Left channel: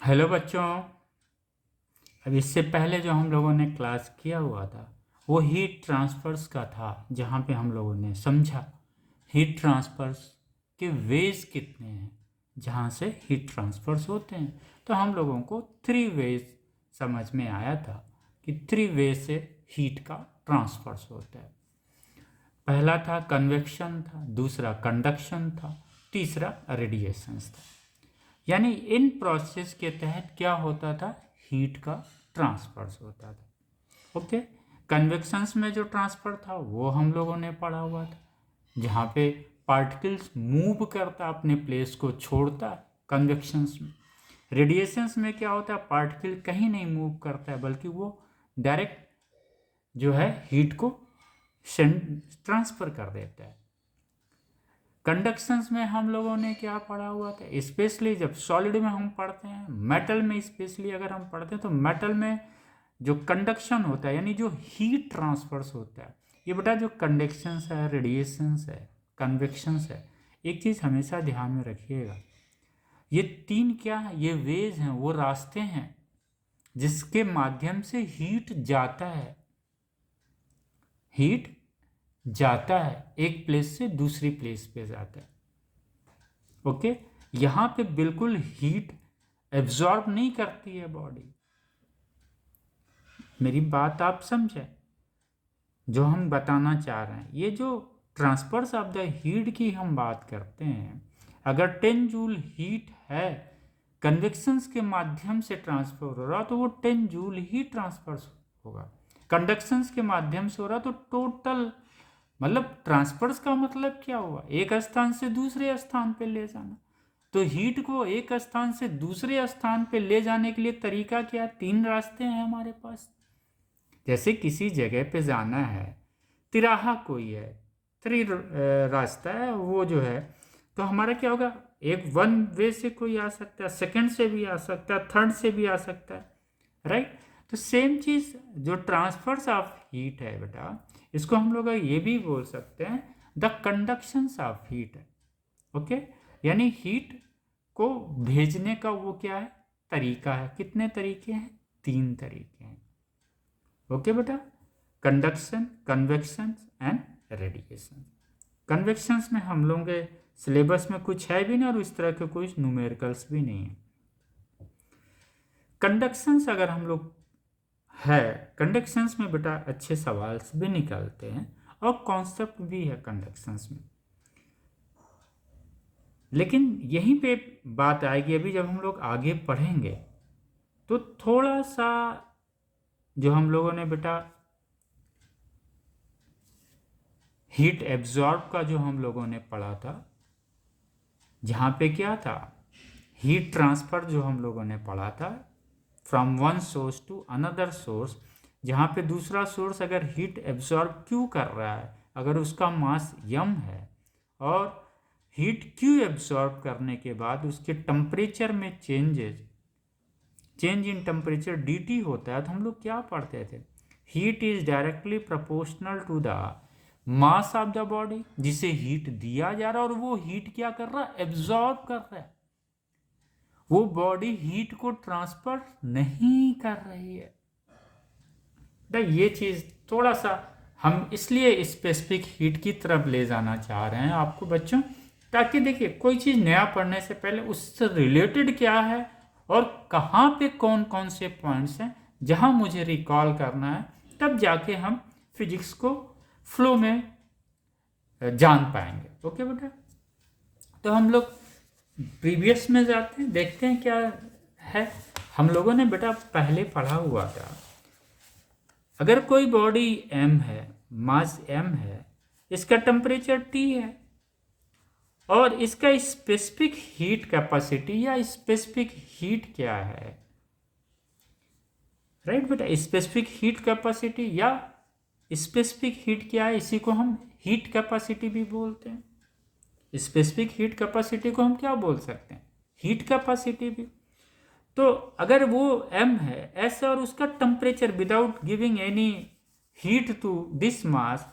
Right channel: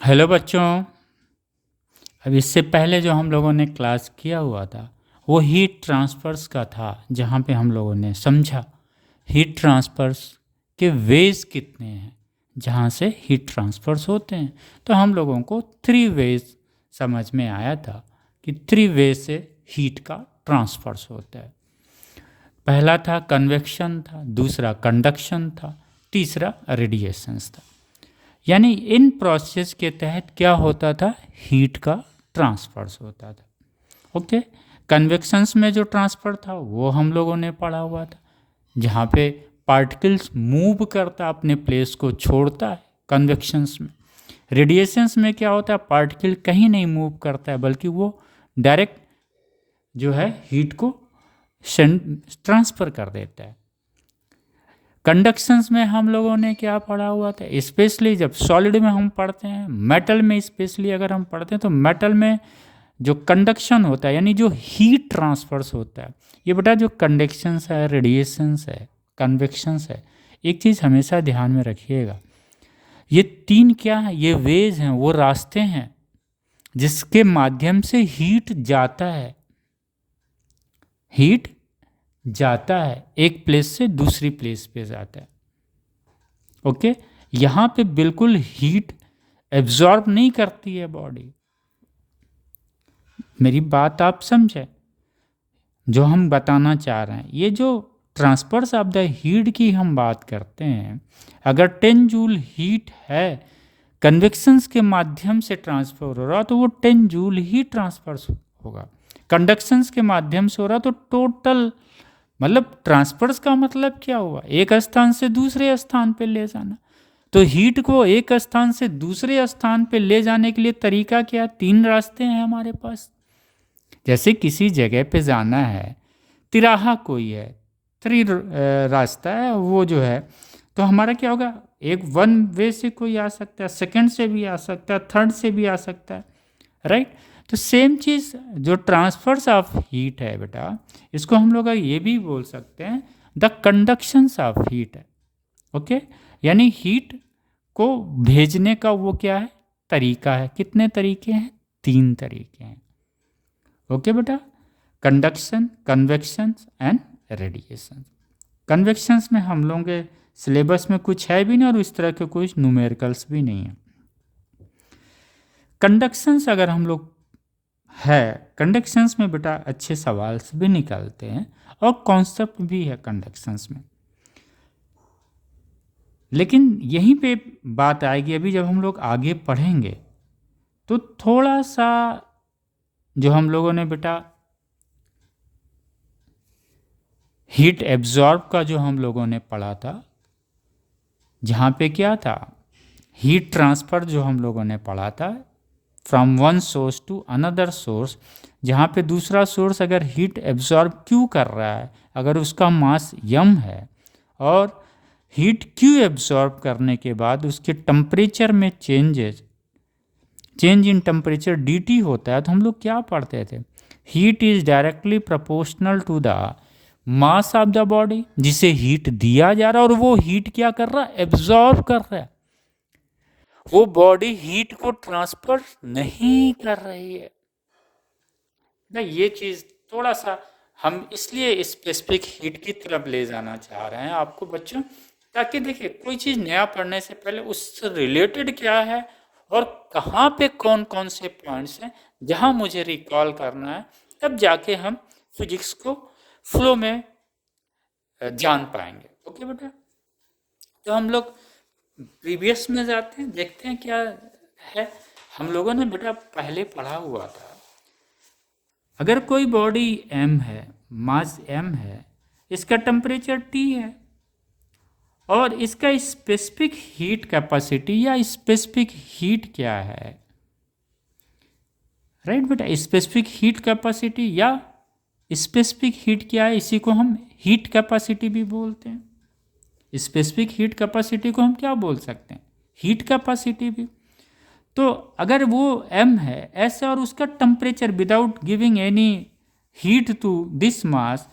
Hello बच्चों। अब इससे पहले जो हम लोगों ने क्लास किया हुआ था वो हीट ट्रांसफर्स का था, जहाँ पे हम लोगों ने समझा हीट ट्रांसफर्स के वेज कितने हैं, जहाँ से हीट ट्रांसफर्स होते हैं। तो हम लोगों को 3 वेज समझ में आया था कि 3 वे से हीट का ट्रांसफर्स होता है। पहला था कन्वेक्शन था, दूसरा कंडक्शन था, तीसरा रेडिएशंस था। यानी इन प्रोसेस के तहत क्या होता था, हीट का ट्रांसफर्स होता था। ओके। कन्वेक्शंस में जो ट्रांसफ़र था वो हम लोगों ने पढ़ा हुआ था, जहाँ पे पार्टिकल्स मूव करता अपने प्लेस को छोड़ता है कन्वेक्शंस में। रेडिएशंस में क्या होता है, पार्टिकल कहीं नहीं मूव करता है बल्कि वो डायरेक्ट जो है हीट को ट्रांसफ़र कर देता है। कंडक्शंस में हम लोगों ने क्या पढ़ा हुआ था, स्पेशली जब सॉलिड में हम पढ़ते हैं, मेटल में स्पेशली अगर हम पढ़ते हैं तो मेटल में जो कंडक्शन होता है यानी जो हीट ट्रांसफर्स होता है, ये बेटा जो कंडक्शंस है, रेडिएशंस है, कन्वेक्शंस है, एक चीज़ हमेशा ध्यान में रखिएगा, ये 3 क्या है, ये वेज हैं, वो रास्ते हैं जिसके माध्यम से हीट जाता है। हीट जाता है एक प्लेस से दूसरी प्लेस पे जाता है। ओके। यहाँ पे बिल्कुल हीट एब्जॉर्ब नहीं करती है बॉडी। मेरी बात आप समझे जो हम बताना चाह रहे हैं। ये जो ट्रांसफर्स ऑफ द हीट की हम बात करते हैं, अगर 10 जूल हीट है कन्वेक्शंस के माध्यम से ट्रांसफर हो रहा तो वो 10 जूल ही ट्रांसफर होगा। कंडक्शंस के माध्यम से हो रहा तो टोटल, मतलब ट्रांसफर्स का मतलब क्या हुआ, एक स्थान से दूसरे स्थान पे ले जाना। तो हीट को एक स्थान से दूसरे स्थान पे ले जाने के लिए तरीका क्या, 3 रास्ते हैं हमारे पास। जैसे किसी जगह पे जाना है, तिराहा कोई है, रास्ता है वो जो है, तो हमारा क्या होगा, एक 1 वे से कोई आ सकता है, सेकंड से भी आ सकता है, थर्ड से भी आ सकता है, राइट। तो सेम चीज़ जो ट्रांसफर्स ऑफ हीट है बेटा, इसको हम लोग ये भी बोल सकते हैं द कंडक्शंस ऑफ हीट है। ओके। यानी हीट को भेजने का वो क्या है, तरीका है। कितने तरीके हैं, 3 तरीके हैं। ओके बेटा, कंडक्शन, कन्वेक्शन एंड रेडिएशन। कन्वेक्शंस में हम लोगों के सिलेबस में कुछ है भी नहीं और इस तरह के कुछ न्यूमेरिकल्स भी नहीं है। कंडक्शंस अगर हम लोग है, कंडक्शंस में बेटा अच्छे सवाल भी निकलते हैं और कॉन्सेप्ट भी है कंडक्शंस में। लेकिन यहीं पे बात आएगी, अभी जब हम लोग आगे पढ़ेंगे तो थोड़ा सा जो हम लोगों ने बेटा हीट एब्जॉर्ब का जो हम लोगों ने पढ़ा था, जहाँ पे क्या था, हीट ट्रांसफ़र जो हम लोगों ने पढ़ा था from one source to another source, जहाँ पे दूसरा सोर्स अगर हीट एब्जॉर्ब क्यों कर रहा है, अगर उसका मास यम है और हीट क्यू एब्जॉर्ब करने के बाद उसके टेम्परेचर में चेंज इन टेम्परेचर dt होता है, तो हम लोग क्या पढ़ते थे, heat is directly proportional to the mass of the body, जिसे हीट दिया जा रहा है और वो हीट क्या कर रहा है, एब्जॉर्ब कर रहा है। वो बॉडी हीट को ट्रांसफर नहीं कर रही है। ये चीज़ थोड़ा सा हम इसलिए स्पेसिफिक हीट की तरफ ले जाना चाह रहे हैं आपको बच्चों, ताकि देखिए कोई चीज़ नया पढ़ने से पहले उससे रिलेटेड क्या है और कहाँ पे कौन कौन से पॉइंट्स हैं जहाँ मुझे रिकॉल करना है, तब जाके हम फिजिक्स को फ्लो में जान पाएंगे। ओके बेटा, तो हम लोग प्रीवियस में जाते हैं, देखते हैं क्या है। हम लोगों ने बेटा पहले पढ़ा हुआ था, अगर कोई बॉडी m है, मास m है, इसका टेम्परेचर T है और इसका स्पेसिफिक हीट कैपेसिटी या स्पेसिफिक हीट क्या है, राइट बेटा, स्पेसिफिक हीट कैपेसिटी या स्पेसिफिक हीट क्या है, इसी को हम हीट कैपेसिटी भी बोलते हैं। स्पेसिफिक हीट कैपेसिटी को हम क्या बोल सकते हैं, हीट कैपेसिटी भी। तो अगर वो m है ऐसा और उसका temperature without giving any heat to this mass,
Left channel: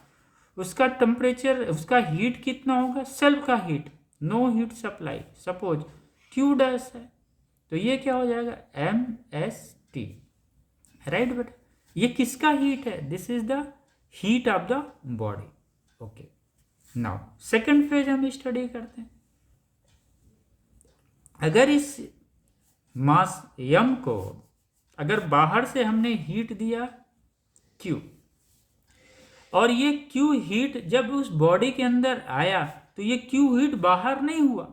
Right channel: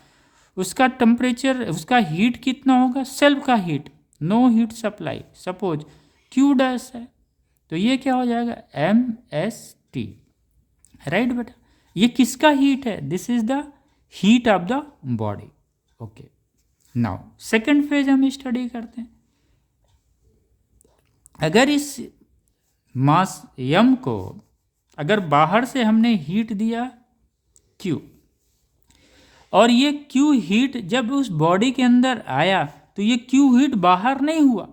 उसका टेम्परेचर, उसका हीट कितना होगा, सेल्फ का heat, no heat supply, suppose Q dash है, तो ये क्या हो जाएगा, MST, राइट बेटा। ये किसका हीट है, this is the heat of the body. Okay, now second phase हम स्टडी करते हैं। अगर इस मास m को अगर बाहर से हमने हीट दिया Q, और ये Q हीट जब उस बॉडी के अंदर आया तो ये Q हीट बाहर नहीं हुआ,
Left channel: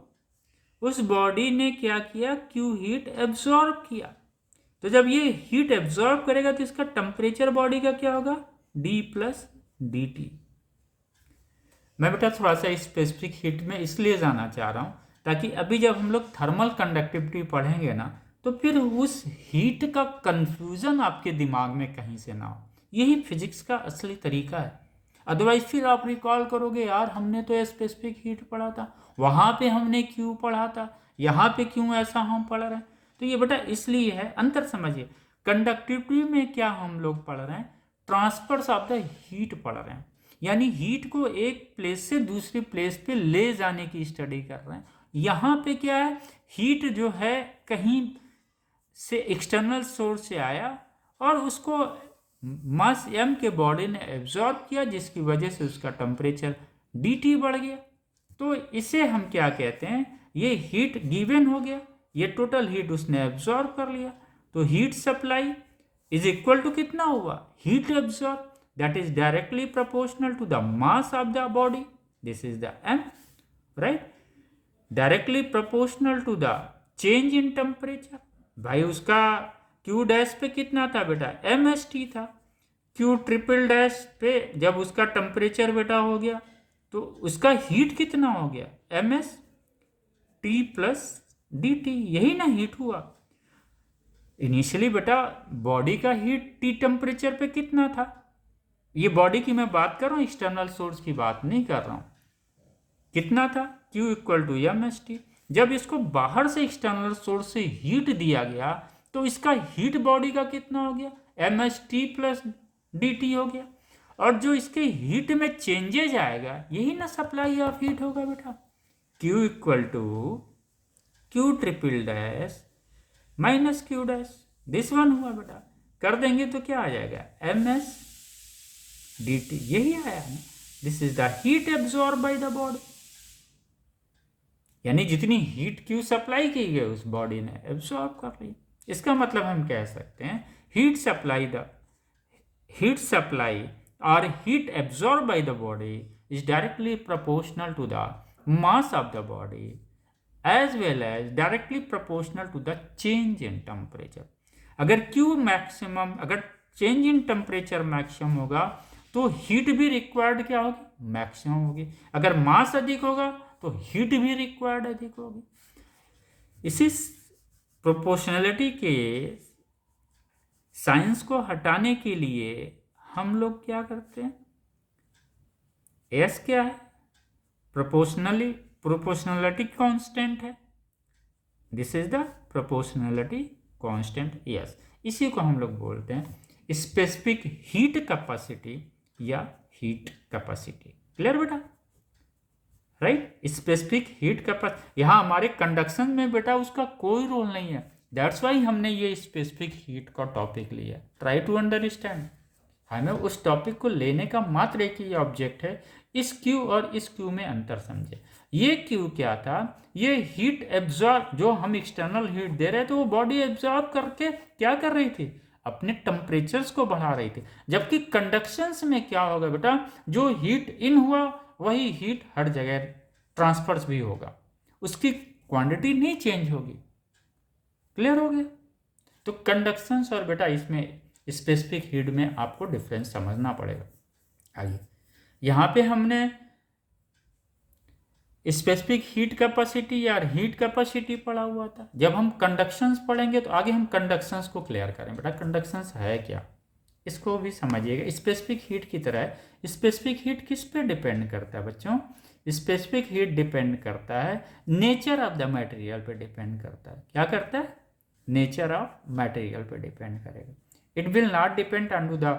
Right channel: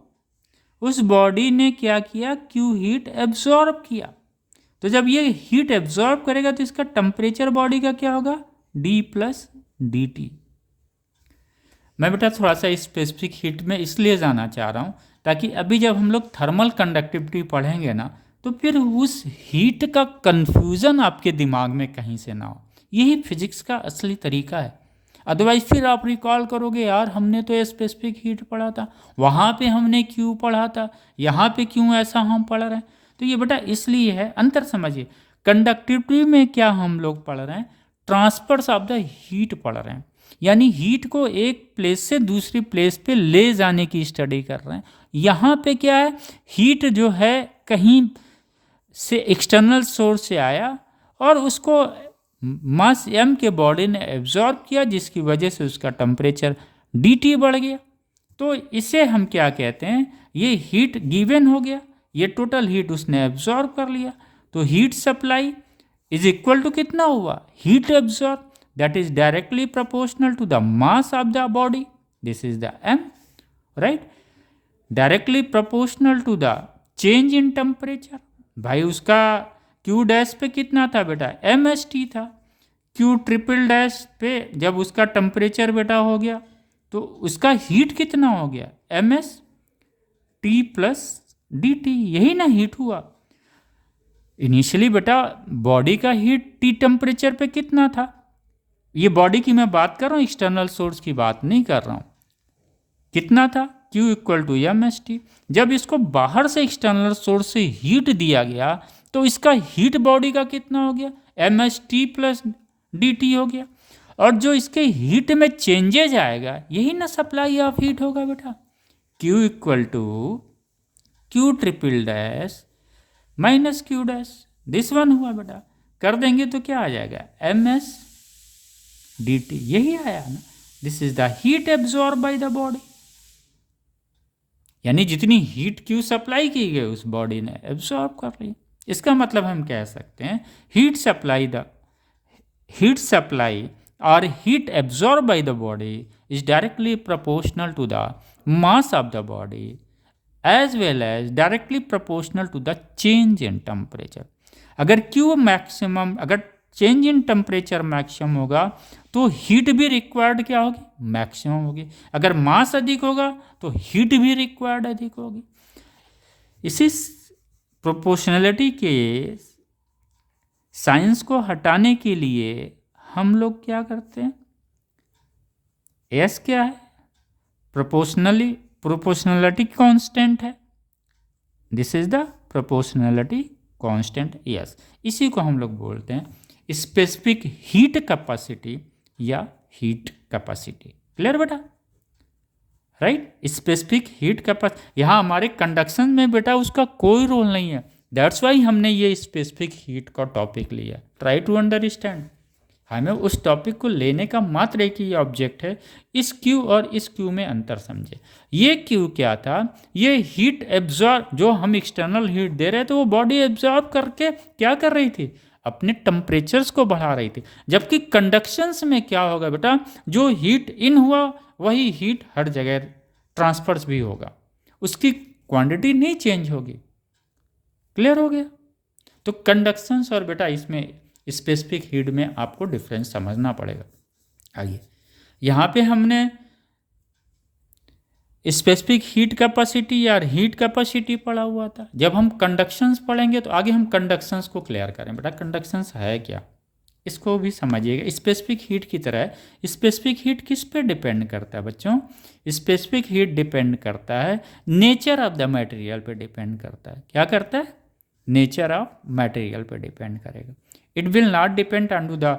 उस बॉडी ने क्या किया, Q हीट एब्जॉर्ब किया। तो जब ये हीट एब्जॉर्ब करेगा तो इसका टेम्परेचर बॉडी का क्या होगा, D प्लस dt। मैं बेटा थोड़ा सा स्पेसिफिक हीट में इसलिए जाना चाह रहा हूँ ताकि अभी जब हम लोग थर्मल कंडक्टिविटी पढ़ेंगे ना तो फिर उस हीट का कंफ्यूजन आपके दिमाग में कहीं से ना हो। यही फिजिक्स का असली तरीका है। अदरवाइज फिर आप रिकॉल करोगे, यार हमने तो ये स्पेसिफिक हीट पढ़ा था, वहाँ पे हमने क्यों पढ़ा था, यहाँ पे क्यों ऐसा हम पढ़ रहे हैं। तो ये बेटा इसलिए है, अंतर समझिए। कंडक्टिविटी में क्या हम लोग पढ़ रहे हैं, ट्रांसफर्स ऑफ द हीट पढ़ रहे हैं, यानी हीट को एक प्लेस से दूसरी प्लेस पे ले जाने की स्टडी कर रहे हैं। यहाँ पे क्या है, हीट जो है कहीं से एक्सटर्नल सोर्स से आया और उसको मास m के बॉडी ने एब्जॉर्ब किया, जिसकी वजह से उसका टेम्परेचर dt बढ़ गया। तो इसे हम क्या कहते हैं, ये हीट गिवन हो गया, ये टोटल हीट उसने एब्जॉर्ब कर लिया। तो heat supply is equal to कितना हुआ, heat absorb, that is directly proportional to the mass of the body, this is the m, right, directly proportional to the change in temperature। भाई उसका q dash पे कितना था बेटा, MST था, q triple dash पे जब उसका टेम्परेचर बेटा हो गया तो उसका हीट कितना हो गया, MST प्लस dt, यही ना हीट हुआ। इनिशियली बेटा बॉडी का हीट T टेम्परेचर पे कितना था, ये बॉडी की मैं बात कर रहा हूँ, एक्सटर्नल सोर्स की बात नहीं कर रहा हूँ, कितना था, Q इक्वल टू MST। जब इसको बाहर से एक्सटर्नल सोर्स से हीट दिया गया तो इसका हीट बॉडी का कितना हो गया, MST प्लस dt हो गया। और जो इसके हीट में चेंजेज आएगा यही ना सप्लाई ऑफ हीट होगा बेटा, Q equal to Q triple dash minus Q dash, this one हुआ बेटा। कर देंगे तो क्या आ जाएगा, MS dt, यही आया ना, this is the heat absorb by the body. यानी जितनी हीट क्यू सप्लाई की गई उस बॉडी ने एब्जॉर्ब कर ली। इसका मतलब हम कह सकते हैं हीट सप्लाई और heat absorb by the body is directly proportional to the mass of the body as well as directly proportional to the change in temperature. अगर क्यू मैक्सिमम, अगर चेंज इन टेम्परेचर मैक्सिमम होगा तो heat भी required क्या होगी, maximum होगी। अगर मास अधिक होगा तो हीट भी रिक्वायर्ड अधिक होगी। इसी प्रोपोर्शनलिटी के साइंस को हटाने के लिए हम लोग क्या करते हैं, एस क्या है, प्रोपोर्शनलिटी कांस्टेंट है, this is the proportionality constant S. इसी को हम लोग बोलते हैं स्पेसिफिक हीट कैपेसिटी या हीट कैपेसिटी। क्लियर बेटा, राइट, स्पेसिफिक हीट कैपेसिटी। यहाँ हमारे कंडक्शन में बेटा उसका कोई रोल नहीं है, दैट्स वाई हमने ये स्पेसिफिक हीट का टॉपिक लिया। ट्राई टू अंडरस्टैंड, हमें उस टॉपिक को लेने का मात्र एक ही ऑब्जेक्ट है, इस क्यू और इस क्यू में अंतर समझे। ये क्यू क्या था, ये हीट एब्जॉर्ब, जो हम एक्सटर्नल हीट दे रहे थे वो बॉडी एब्जॉर्ब करके क्या कर रही थी, अपने टेम्परेचर्स को बढ़ा रही थी। जबकि कंडक्शंस में क्या होगा बेटा, जो हीट इन हुआ वही हीट हर जगह ट्रांसफर्स भी होगा, उसकी क्वांटिटी नहीं चेंज होगी। क्लियर हो गया। तो कंडक्शंस और बेटा इसमें स्पेसिफिक हीट में आपको डिफरेंस समझना पड़ेगा। आइए, यहाँ पे हमने स्पेसिफिक हीट कैपेसिटी या हीट कैपेसिटी पढ़ा हुआ था। जब हम कंडक्शंस पढ़ेंगे तो आगे हम कंडक्शंस को क्लियर करें। बेटा कंडक्शंस है क्या, इसको भी समझिएगा। स्पेसिफिक हीट की तरह स्पेसिफिक हीट किस पे डिपेंड करता है बच्चों, स्पेसिफिक हीट डिपेंड करता है नेचर ऑफ द मटेरियल पे डिपेंड करता है। क्या करता है, नेचर ऑफ मटेरियल पे डिपेंड करेगा। It will not depend on to the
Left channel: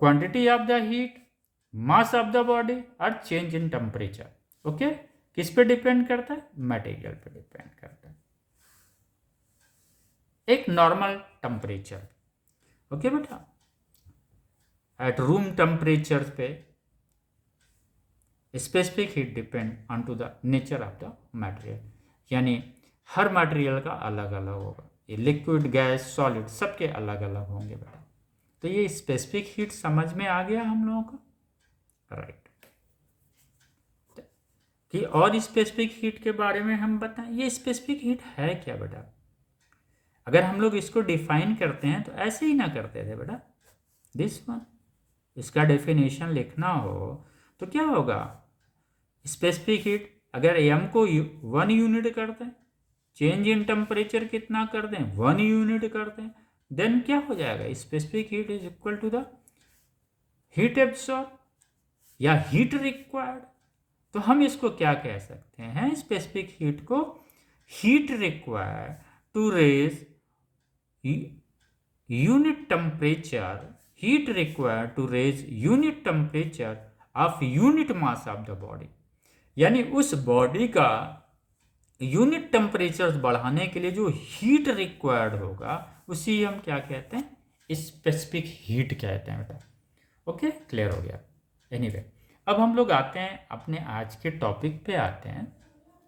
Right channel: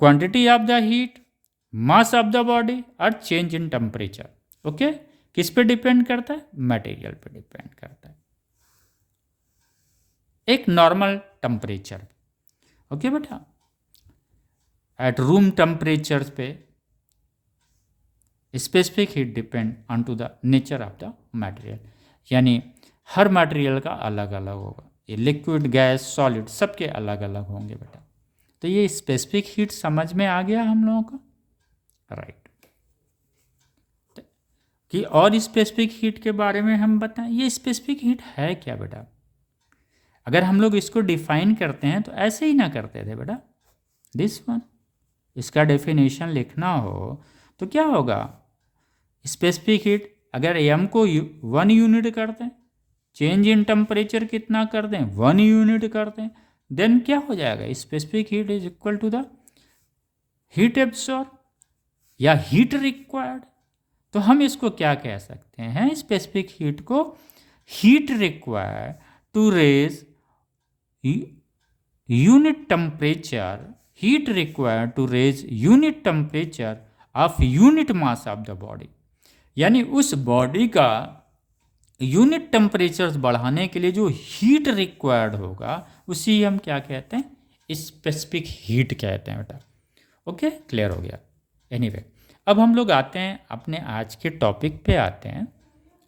quantity of the heat, mass of the body और चेंज इन टेम्परेचर। ओके, किस पे डिपेंड करता है, मटेरियल पे डिपेंड करता है। एक नॉर्मल टेम्परेचर। ओके बेटा, एट रूम टेम्परेचर पे specific heat depend on to the nature of the material, यानी हर मटेरियल का अलग अलग होगा, ये लिक्विड गैस सॉलिड सबके अलग अलग होंगे बेटा। तो ये स्पेसिफिक हीट समझ में आ गया हम लोगों को, राइट। कि और स्पेसिफिक हीट के बारे में हम बताएं, ये स्पेसिफिक हीट है क्या बेटा। अगर हम लोग इसको डिफाइन करते हैं तो ऐसे ही ना करते थे बेटा, दिस वन, इसका डेफिनेशन लिखना हो तो क्या होगा, स्पेसिफिक हीट अगर एम को 1 यूनिट करते हैं, चेंज इन टेम्परेचर कितना कर दें 1 यूनिट कर दें, देन क्या हो जाएगा, specific heat is equal to the heat absorb या हीट रिक्वायर्ड। तो हम इसको क्या कह सकते हैं, स्पेसिफिक हीट को heat required to raise unit temperature, heat required to raise unit temperature of unit mass of the body, यानी उस बॉडी का यूनिट टेम्परेचर बढ़ाने के लिए जो हीट रिक्वायर्ड होगा उसी हम क्या कहते हैं, स्पेसिफिक हीट कहते हैं बेटा। ओके, क्लियर हो गया। एनीवे, अब हम लोग आते हैं अपने आज के टॉपिक पे आते हैं।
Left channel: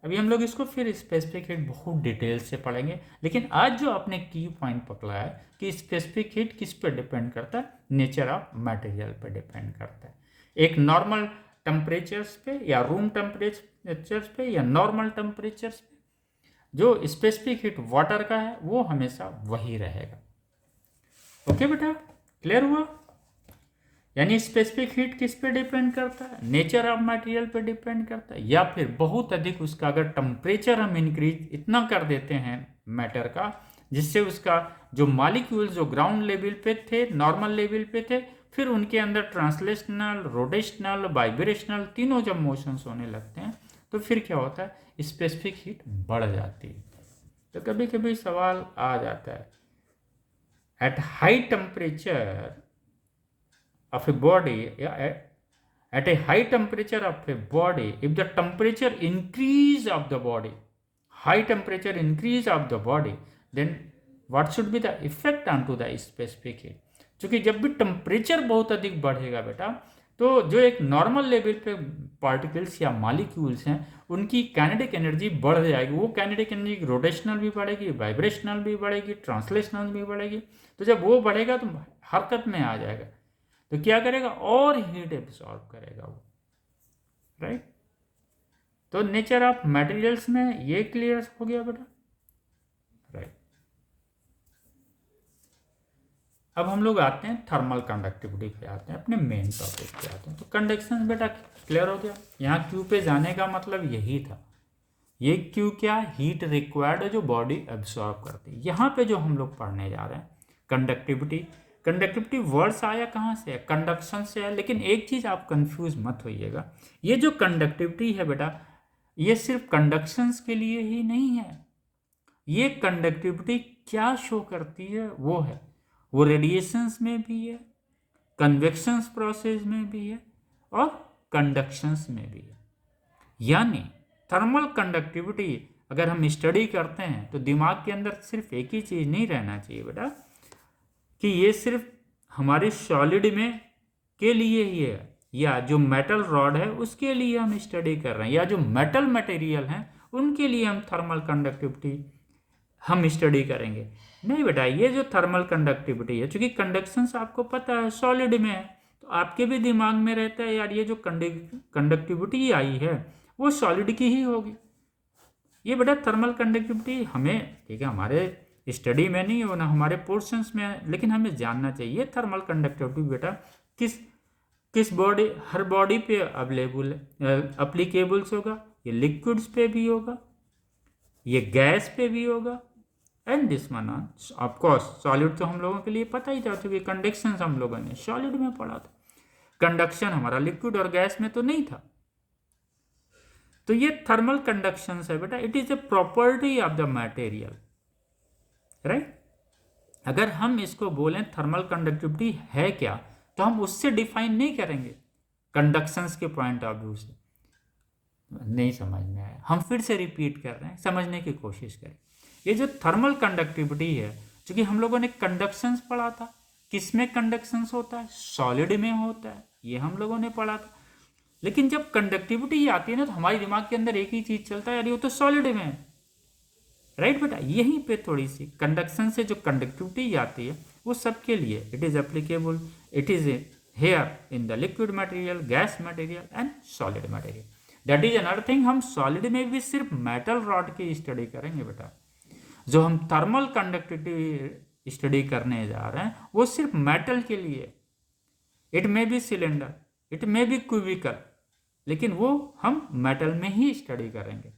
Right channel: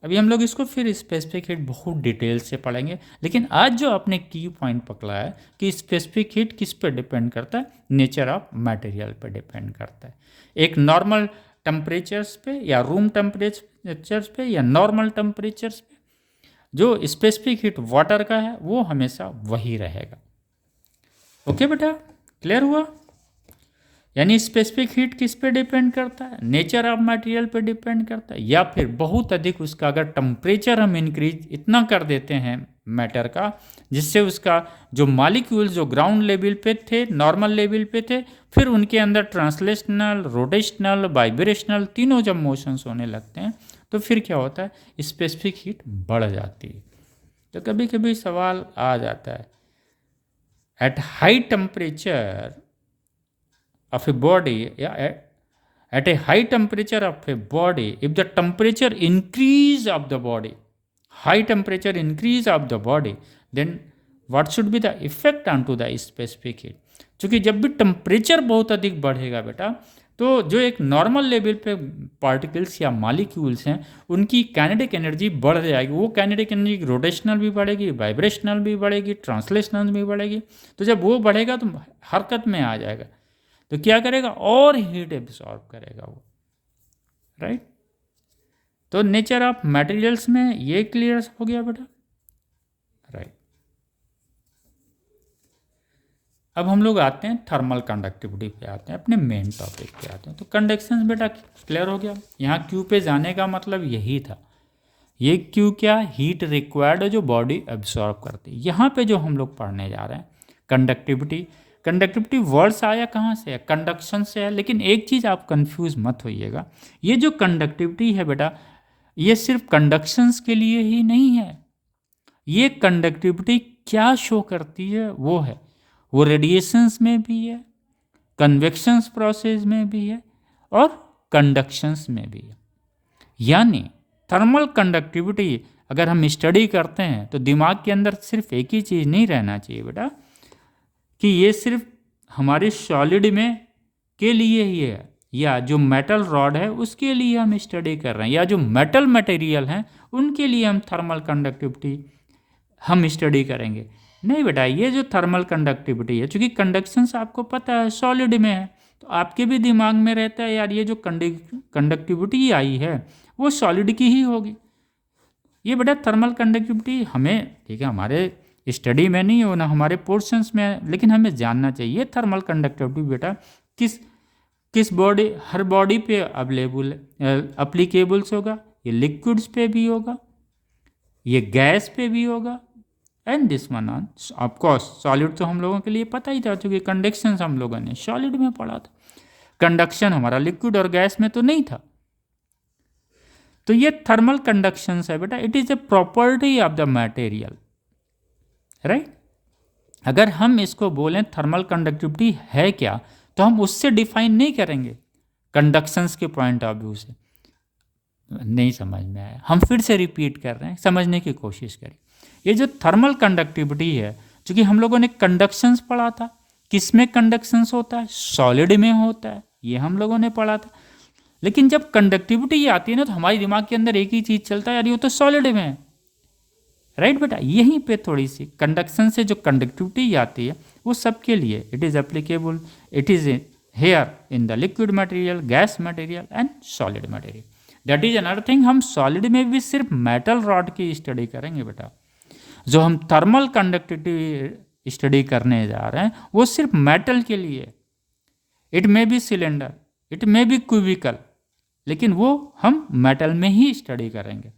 अभी हम लोग इसको फिर स्पेसिफिक हीट बहुत डिटेल से पढ़ेंगे, लेकिन आज जो आपने की पॉइंट पकड़ा है कि स्पेसिफिक हीट किस पे डिपेंड करता है, नेचर ऑफ मटेरियल पे डिपेंड करता है। एक नॉर्मल टेम्परेचर्स पे या रूम टेम्परेचर्स पे या नॉर्मल टेम्परेचर्स पे जो स्पेसिफिक हीट वाटर का है वो हमेशा वही रहेगा। ओके बेटा, क्लियर हुआ। यानी स्पेसिफिक हीट किस पे डिपेंड करता है, नेचर ऑफ मटेरियल पे डिपेंड करता है, या फिर बहुत अधिक उसका अगर टेम्परेचर हम इंक्रीज इतना कर देते हैं मैटर का जिससे उसका जो मॉलिक्यूल्स जो ग्राउंड लेवल पे थे, नॉर्मल लेवल पे थे, फिर उनके अंदर ट्रांसलेशनल, रोटेशनल, वाइब्रेशनल तीनों जब मोशंस होने लगते हैं तो फिर क्या होता है, स्पेसिफिक हीट बढ़ जाती है। तो कभी कभी सवाल आ जाता है, at high temperature of a body, at a high temperature of a body, if the temperature increase of the body, high temperature increase of the body, then what should be the effect onto the specific heat। क्योंकि जब भी temperature बहुत अधिक बढ़ेगा बेटा तो जो एक नॉर्मल लेवल पे पार्टिकल्स या मॉलिक्यूल्स हैं उनकी काइनेटिक एनर्जी बढ़ जाएगी। वो काइनेटिक एनर्जी रोटेशनल भी बढ़ेगी, वाइब्रेशनल भी बढ़ेगी, ट्रांसलेशनल भी बढ़ेगी। तो जब वो बढ़ेगा तो हरकत में आ जाएगा, तो क्या करेगा, और हीट एब्सॉर्ब करेगा वो, राइट। तो नेचर ऑफ मटेरियल्स में ये क्लियर हो गया बेटा, राइट। अब हम लोग आते हैं थर्मल कंडक्टिविटी पे, आते हैं अपने मेन टॉपिक पे आते हैं। तो कंडक्शन बेटा क्लियर हो गया। यहाँ क्यू पे जाने का मतलब यही था, ये क्यू क्या, हीट रिक्वायर्ड है जो बॉडी एब्सॉर्ब करती है। यहाँ पे जो हम लोग पढ़ने जा रहे हैं कंडक्टिविटी, कंडक्टिविटी वर्ड्स आया कहाँ से है, कंडक्शन से है। लेकिन एक चीज़ आप कंफ्यूज मत होइएगा, ये जो कंडक्टिविटी है बेटा ये सिर्फ कंडक्शंस के लिए ही नहीं है। ये कंडक्टिविटी क्या शो करती है वो रेडिएशंस में भी है, कन्वेक्शंस प्रोसेस में भी है और कंडक्शंस में भी है। यानी थर्मल कंडक्टिविटी अगर हम स्टडी करते हैं तो दिमाग के अंदर सिर्फ एक ही चीज़ नहीं रहना चाहिए बेटा कि ये सिर्फ हमारे सॉलिड में के लिए ही है या जो मेटल रॉड है उसके लिए हम स्टडी कर रहे हैं या जो मेटल मटेरियल हैं उनके लिए हम थर्मल कंडक्टिविटी हम स्टडी करेंगे। नहीं बेटा, ये जो थर्मल कंडक्टिविटी है, चूँकि कंडक्शंस आपको पता है सॉलिड में है तो आपके भी दिमाग में रहता है यार ये जो कंडक्टिविटी आई है वो सॉलिड की ही होगी। ये बेटा थर्मल कंडक्टिविटी हमें, ठीक है, हमारे स्टडी में नहीं हो ना हमारे पोर्शंस में है, लेकिन हमें जानना चाहिए थर्मल कंडक्टिविटी बेटा किस बॉडी, हर बॉडी पे अवेलेबल अप्लीकेबल्स होगा। ये लिक्विड्स पे भी होगा, ये गैस पे भी होगा, and this one on of course solid तो हम लोगों के लिए पता ही था क्योंकि कंडक्शन हम लोगों ने सॉलिड में पढ़ा था। कंडक्शन हमारा लिक्विड और गैस में तो नहीं था। तो ये थर्मल कंडक्शन है बेटा, it is a property of the material, right. अगर हम इसको बोलें थर्मल कंडक्टिविटी है क्या तो हम उससे डिफाइन नहीं करेंगे कंडक्शंस के पॉइंट ऑफ व्यू से। नहीं समझ में आया, हम फिर से रिपीट कर रहे हैं, समझने की कोशिश करें। ये जो थर्मल कंडक्टिविटी है क्योंकि हम लोगों ने कंडक्शंस पढ़ा था, किस में कंडक्शंस होता है, सॉलिड में होता है, ये हम लोगों ने पढ़ा था। लेकिन जब कंडक्टिविटी आती है ना तो हमारे दिमाग के अंदर एक ही चीज़ चलता है, यार ये तो सॉलिड में है, राइट बेटा। यहीं पे थोड़ी सी कंडक्शन से जो कंडक्टिविटी आती है वो सबके लिए it is applicable, it is here in the liquid material, gas material and solid material. That is another thing. हम सॉलिड में भी सिर्फ मेटल रॉड की स्टडी करेंगे बेटा। जो हम थर्मल कंडक्टिविटी स्टडी करने जा रहे हैं वो सिर्फ मेटल के लिए, it may be cylinder, it may be cubical, लेकिन वो हम मेटल में ही स्टडी करेंगे।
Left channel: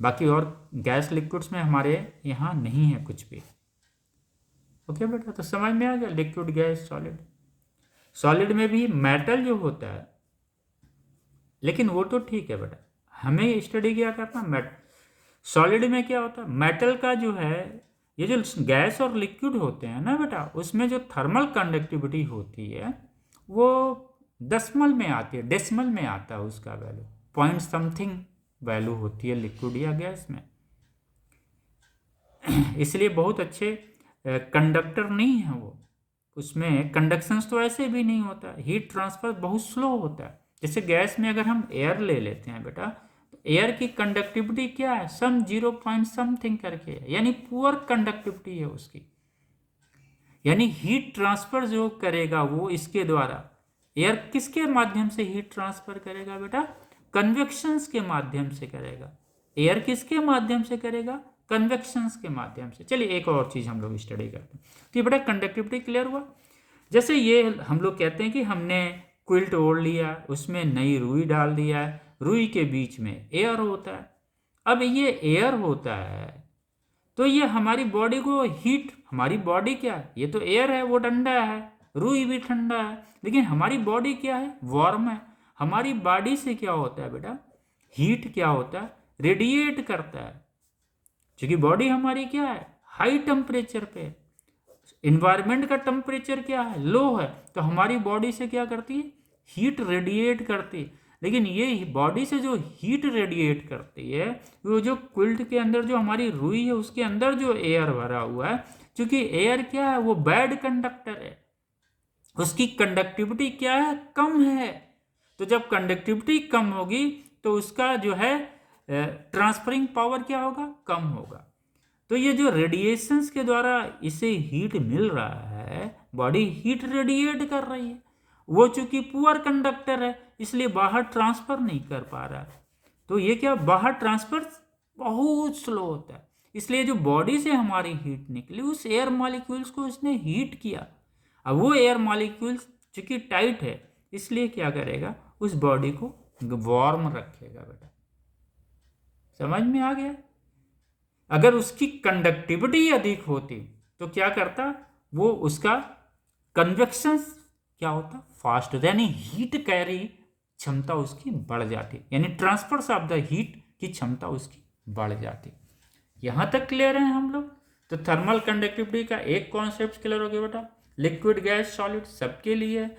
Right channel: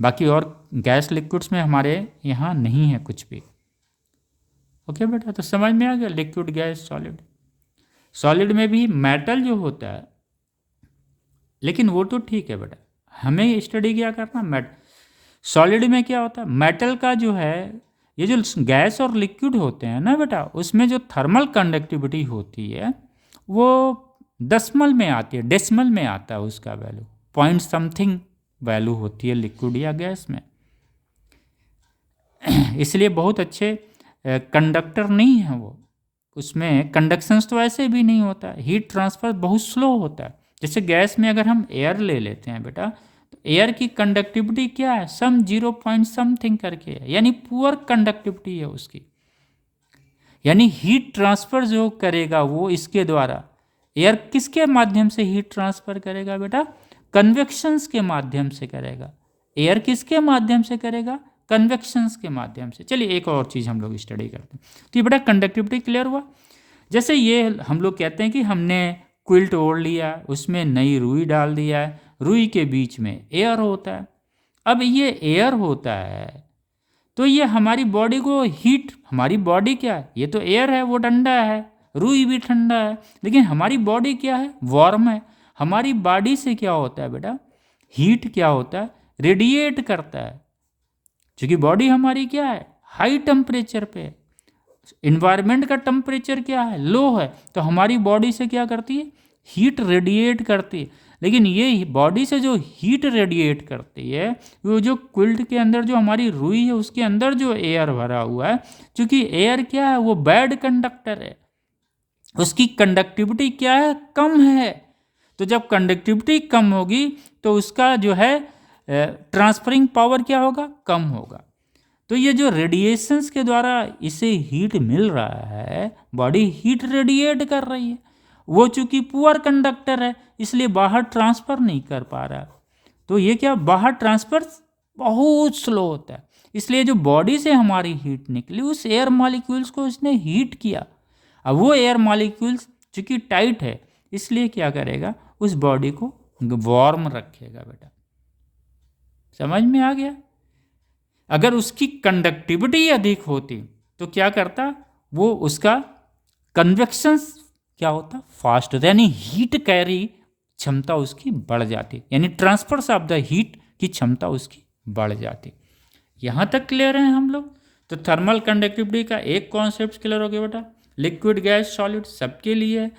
बाकी और गैस लिक्विड्स में हमारे यहाँ नहीं है कुछ भी। ओके बेटा, तो समझ में आ गया लिक्विड, गैस, सॉलिड। सॉलिड में भी मेटल जो होता है, लेकिन वो तो ठीक है बेटा, हमें स्टडी क्या करना, सॉलिड में क्या होता है, मेटल का जो है, ये जो गैस और लिक्विड होते हैं ना बेटा, उसमें जो थर्मल कंडक्टिविटी होती है वो दशमल में आती है, डेसिमल में आता है उसका वैल्यू, पॉइंट समथिंग वैल्यू होती है लिक्विड या गैस में। इसलिए बहुत अच्छे कंडक्टर नहीं है वो, उसमें कंडक्शंस तो ऐसे भी नहीं होता, हीट ट्रांसफर बहुत स्लो होता है। जैसे गैस में अगर हम एयर ले लेते हैं बेटा, तो एयर की कंडक्टिविटी क्या है, सम 0 पॉइंट समथिंग करके है, यानी पुअर कंडक्टिविटी है उसकी। यानी हीट ट्रांसफर जो करेगा वो इसके द्वारा, एयर किसके माध्यम से हीट ट्रांसफर करेगा बेटा, कन्वेक्शंस के माध्यम से करेगा। एयर किसके माध्यम से करेगा, कन्वेक्शंस के माध्यम से। चलिए एक और चीज़ हम लोग स्टडी करते हैं। तो ये बेटा कंडक्टिविटी क्लियर हुआ। जैसे ये हम लोग कहते हैं कि हमने क्विल्ट ओढ़ लिया, उसमें नई रुई डाल दिया है, रुई के बीच में एयर होता है। अब ये एयर होता है तो ये हमारी बॉडी को हीट, हमारी बॉडी क्या है, ये तो एयर है, वो ठंडा है, रुई भी ठंडा है, लेकिन हमारी बॉडी क्या है, वार्म है। हमारी बॉडी से क्या होता है बेटा, हीट क्या होता है, रेडिएट करता है। क्योंकि बॉडी हमारी क्या है, हाई टेम्परेचर पे, इन्वायरमेंट का टेम्परेचर क्या है, लो है, तो हमारी बॉडी से क्या करती है, हीट रेडिएट करती है। लेकिन ये बॉडी से जो हीट रेडिएट करती है, वो जो क्विल्ट के अंदर जो हमारी रुई है उसके अंदर जो एयर भरा हुआ है, क्योंकि एयर क्या है, वो बैड कंडक्टर है, उसकी कंडक्टिविटी क्या है, कम है। तो जब कंडक्टिविटी कम होगी तो उसका जो है ट्रांसफरिंग पावर क्या होगा, कम होगा। तो ये जो रेडिएशंस के द्वारा इसे हीट मिल रहा है, बॉडी हीट रेडिएट कर रही है, वो चूंकि पुअर कंडक्टर है इसलिए बाहर ट्रांसफ़र नहीं कर पा रहा। तो ये क्या, बाहर ट्रांसफ़र बहुत स्लो होता है। इसलिए जो बॉडी से हमारी हीट निकली, उस एयर मॉलिक्यूल्स को उसने हीट किया। अब वो एयर मॉलिक्यूल्स चूंकि टाइट है इसलिए क्या करेगा, उस बॉडी को वार्म रखेगा बेटा। समझ में आ गया। अगर उसकी कंडक्टिविटी अधिक होती तो क्या करता, वो उसका कन्वेक्शन क्या होता, फास्ट होता, यानी हीट कैरी क्षमता उसकी बढ़ जाती, यानी ट्रांसफर्स ऑफ द हीट की क्षमता उसकी बढ़ जाती। यहाँ तक क्लियर है हम लोग। तो थर्मल कंडक्टिविटी का एक कॉन्सेप्ट क्लियर हो गया बेटा, लिक्विड, गैस, सॉलिड सबके लिए।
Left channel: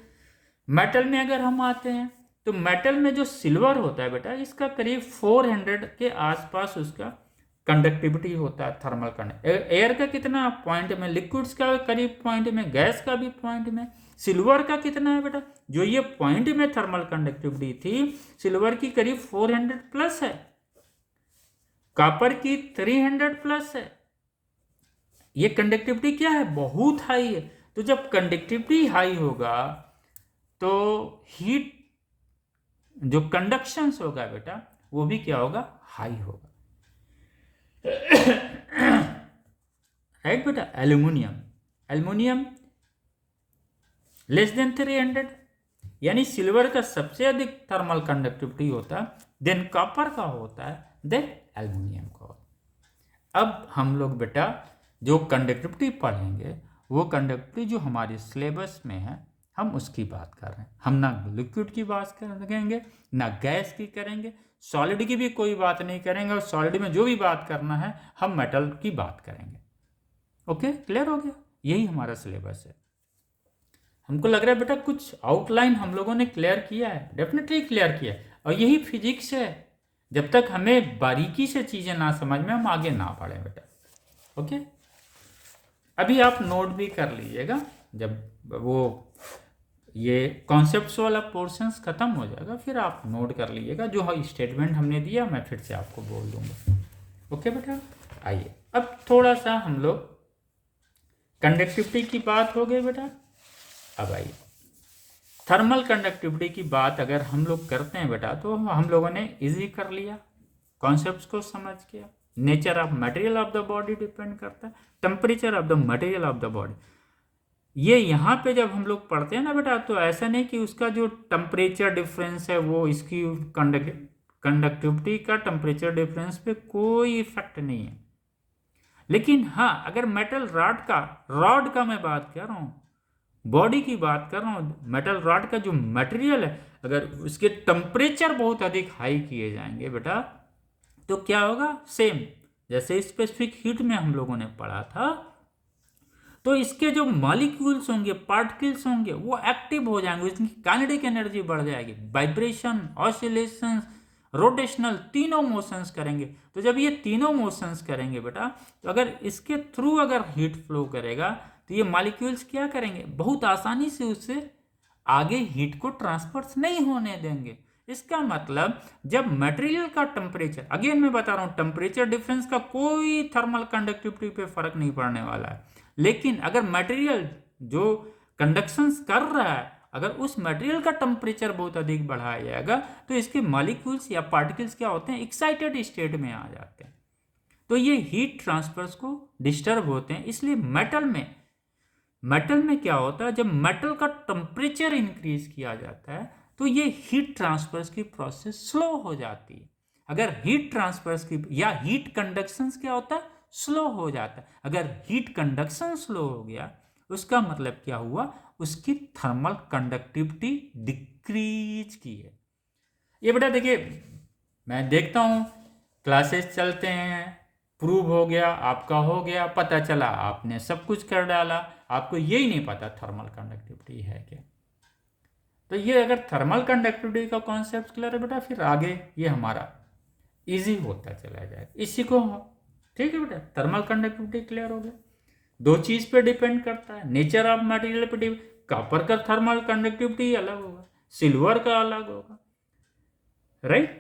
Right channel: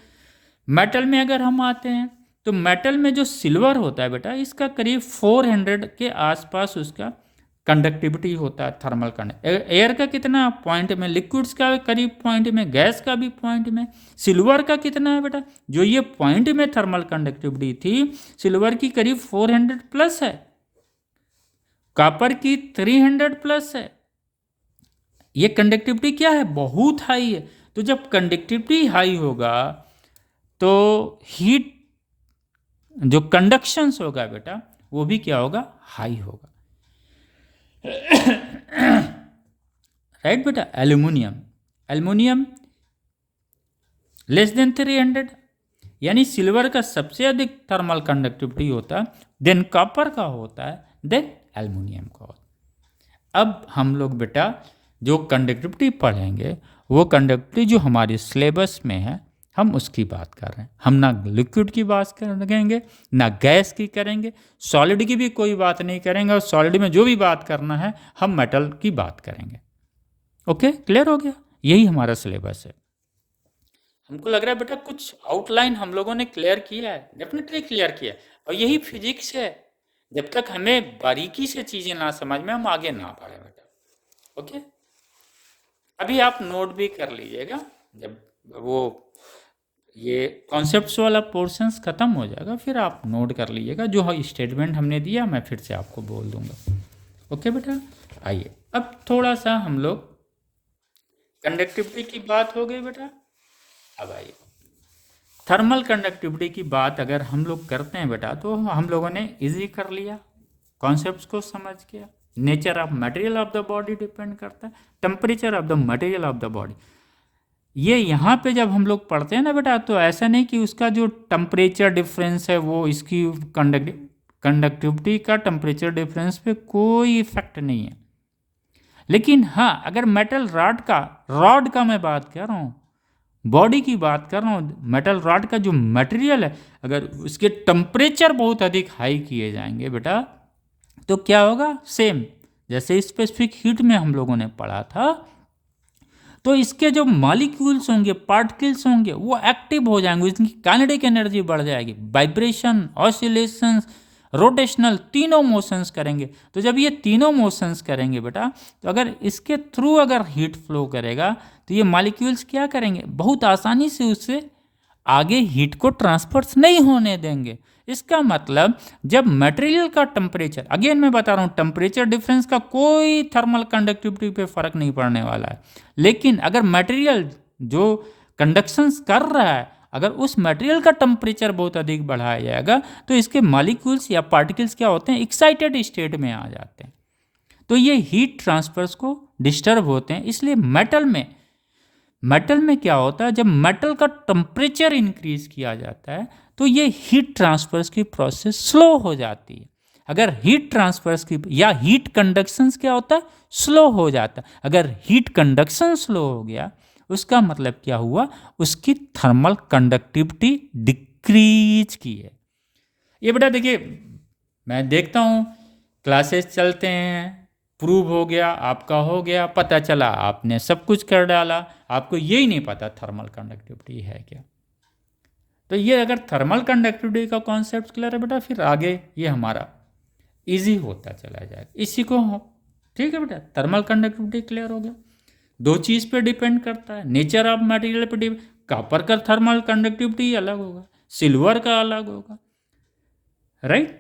मेटल में अगर हम आते हैं तो मेटल में जो सिल्वर होता है बेटा, इसका करीब 400 के आसपास उसका कंडक्टिविटी होता है थर्मल कंडक्ट। एयर का कितना पॉइंट में, लिक्विड्स का करीब पॉइंट में, गैस का भी पॉइंट में, सिल्वर का कितना है बेटा, जो ये पॉइंट में थर्मल कंडक्टिविटी थी सिल्वर की करीब 400 प्लस है, कॉपर की 300 प्लस है। ये कंडक्टिविटी क्या है, बहुत हाई है। तो जब कंडक्टिविटी हाई होगा तो हीट जो कंडक्शंस होगा बेटा वो भी क्या होगा, हाई होगा। राइट बेटा। एल्यूमिनियम, एल्यूमिनियम लेस देन 300, यानी सिल्वर का सबसे अधिक थर्मल कंडक्टिविटी होता है, देन कॉपर का होता है, देन एल्यूमिनियम का होता है। अब हम लोग बेटा जो कंडक्टिविटी पढ़ेंगे वो कंडक्टिविटी जो हमारे सिलेबस में है हम उसकी बात कर रहे हैं। हम ना लिक्विड की बात करेंगे ना गैस की करेंगे, सॉलिड की भी कोई बात नहीं करेंगे, और सॉलिड में जो भी बात करना है हम मेटल की बात करेंगे। ओके, क्लियर हो गया। यही हमारा सिलेबस है। हमको लग रहा है बेटा कुछ आउटलाइन हम लोगों ने क्लियर किया है, डेफिनेटली क्लियर किया है। और यही फिजिक्स है, जब तक हमें बारीकी से चीज़ें ना समझ में हम आगे ना बढ़ें बेटा। ओके। अभी आप नोट भी कर लीजिएगा, जब वो ये कॉन्सेप्ट्स वाला पोर्शंस ख़त्म हो जाएगा फिर आप नोट कर लीजिएगा, जो स्टेटमेंट हमने दिया मैं फिर से आपको बोल दूंगा। ओके बेटा, आइए अब थोड़ा सा हम लोग कंडक्टिविटी की बात हो गई बेटा। अब आइए थर्मल कंडक्टिविटी की बात अगर हम लोग करते हैं बेटा, तो हम लोगों ने इजी कर लिया, कॉन्सेप्ट्स को समझ किया। Nature of material of the body depend करता है, temperature of the material of the body. ये यहाँ पे जब हम लोग पढ़ते हैं ना बेटा, तो ऐसा नहीं कि उसका जो टेम्परेचर डिफरेंस है वो इसकी कंडक्टिविटी का टेम्परेचर डिफरेंस पे कोई इफेक्ट नहीं है। लेकिन हाँ, अगर मेटल रॉड का मैं बात कर रहा हूँ, बॉडी की बात कर रहा हूँ, मेटल रॉड का जो मटेरियल है, अगर उसके टेम्परेचर बहुत अधिक हाई किए जाएंगे बेटा, तो क्या होगा, सेम जैसे स्पेसिफिक हीट में हम लोगों ने पढ़ा था, तो इसके जो मॉलिक्यूल्स होंगे, पार्टिकल्स होंगे, वो एक्टिव हो जाएंगे, इसकी काइनेटिक एनर्जी बढ़ जाएगी, वाइब्रेशन, ऑसिलेशंस, रोटेशनल, तीनों मोशंस करेंगे। तो जब ये तीनों मोशंस करेंगे बेटा, तो अगर इसके थ्रू अगर हीट फ्लो करेगा, तो ये मॉलिक्यूल्स क्या करेंगे, बहुत आसानी से उससे आगे हीट को ट्रांसफर नहीं होने देंगे। इसका मतलब जब मटेरियल का टेम्परेचर, अगेन मैं बता रहा हूँ, टेम्परेचर डिफरेंस का कोई थर्मल कंडक्टिविटी पे फर्क नहीं पड़ने वाला है, लेकिन अगर मटेरियल जो कंडक्शंस कर रहा है, अगर उस मटेरियल का टेम्परेचर बहुत अधिक बढ़ाया जाएगा, तो इसके मॉलिक्यूल्स या पार्टिकल्स क्या होते हैं, एक्साइटेड स्टेट में आ जाते हैं, तो ये हीट ट्रांसफर्स को डिस्टर्ब होते हैं। इसलिए मेटल में क्या होता है, जब मेटल का टेम्परेचर इंक्रीज किया जाता है, तो ये हीट ट्रांसफर्स की प्रोसेस स्लो हो जाती है। अगर हीट ट्रांसफर्स की या हीट कंडक्शन क्या होता है, स्लो हो जाता है। अगर हीट कंडक्शन स्लो हो गया, उसका मतलब क्या हुआ, उसकी थर्मल कंडक्टिविटी डिक्रीज की है। ये बेटा देखिए, मैं देखता हूँ क्लासेस चलते हैं, प्रूव हो गया, आपका हो गया, पता चला आपने सब कुछ कर डाला, आपको यही नहीं पता थर्मल कंडक्टिविटी है क्या। तो ये अगर थर्मल कंडक्टिविटी का कॉन्सेप्ट क्लियर है बेटा, फिर आगे ये हमारा इजी होता चला जाएगा। इसी को हो, ठीक है बेटा, थर्मल कंडक्टिविटी क्लियर हो गया। दो चीज़ पे डिपेंड करता है, नेचर ऑफ मटेरियल पे डिपेंड, कॉपर का थर्मल कंडक्टिविटी अलग होगा, सिल्वर का अलग होगा, राइट।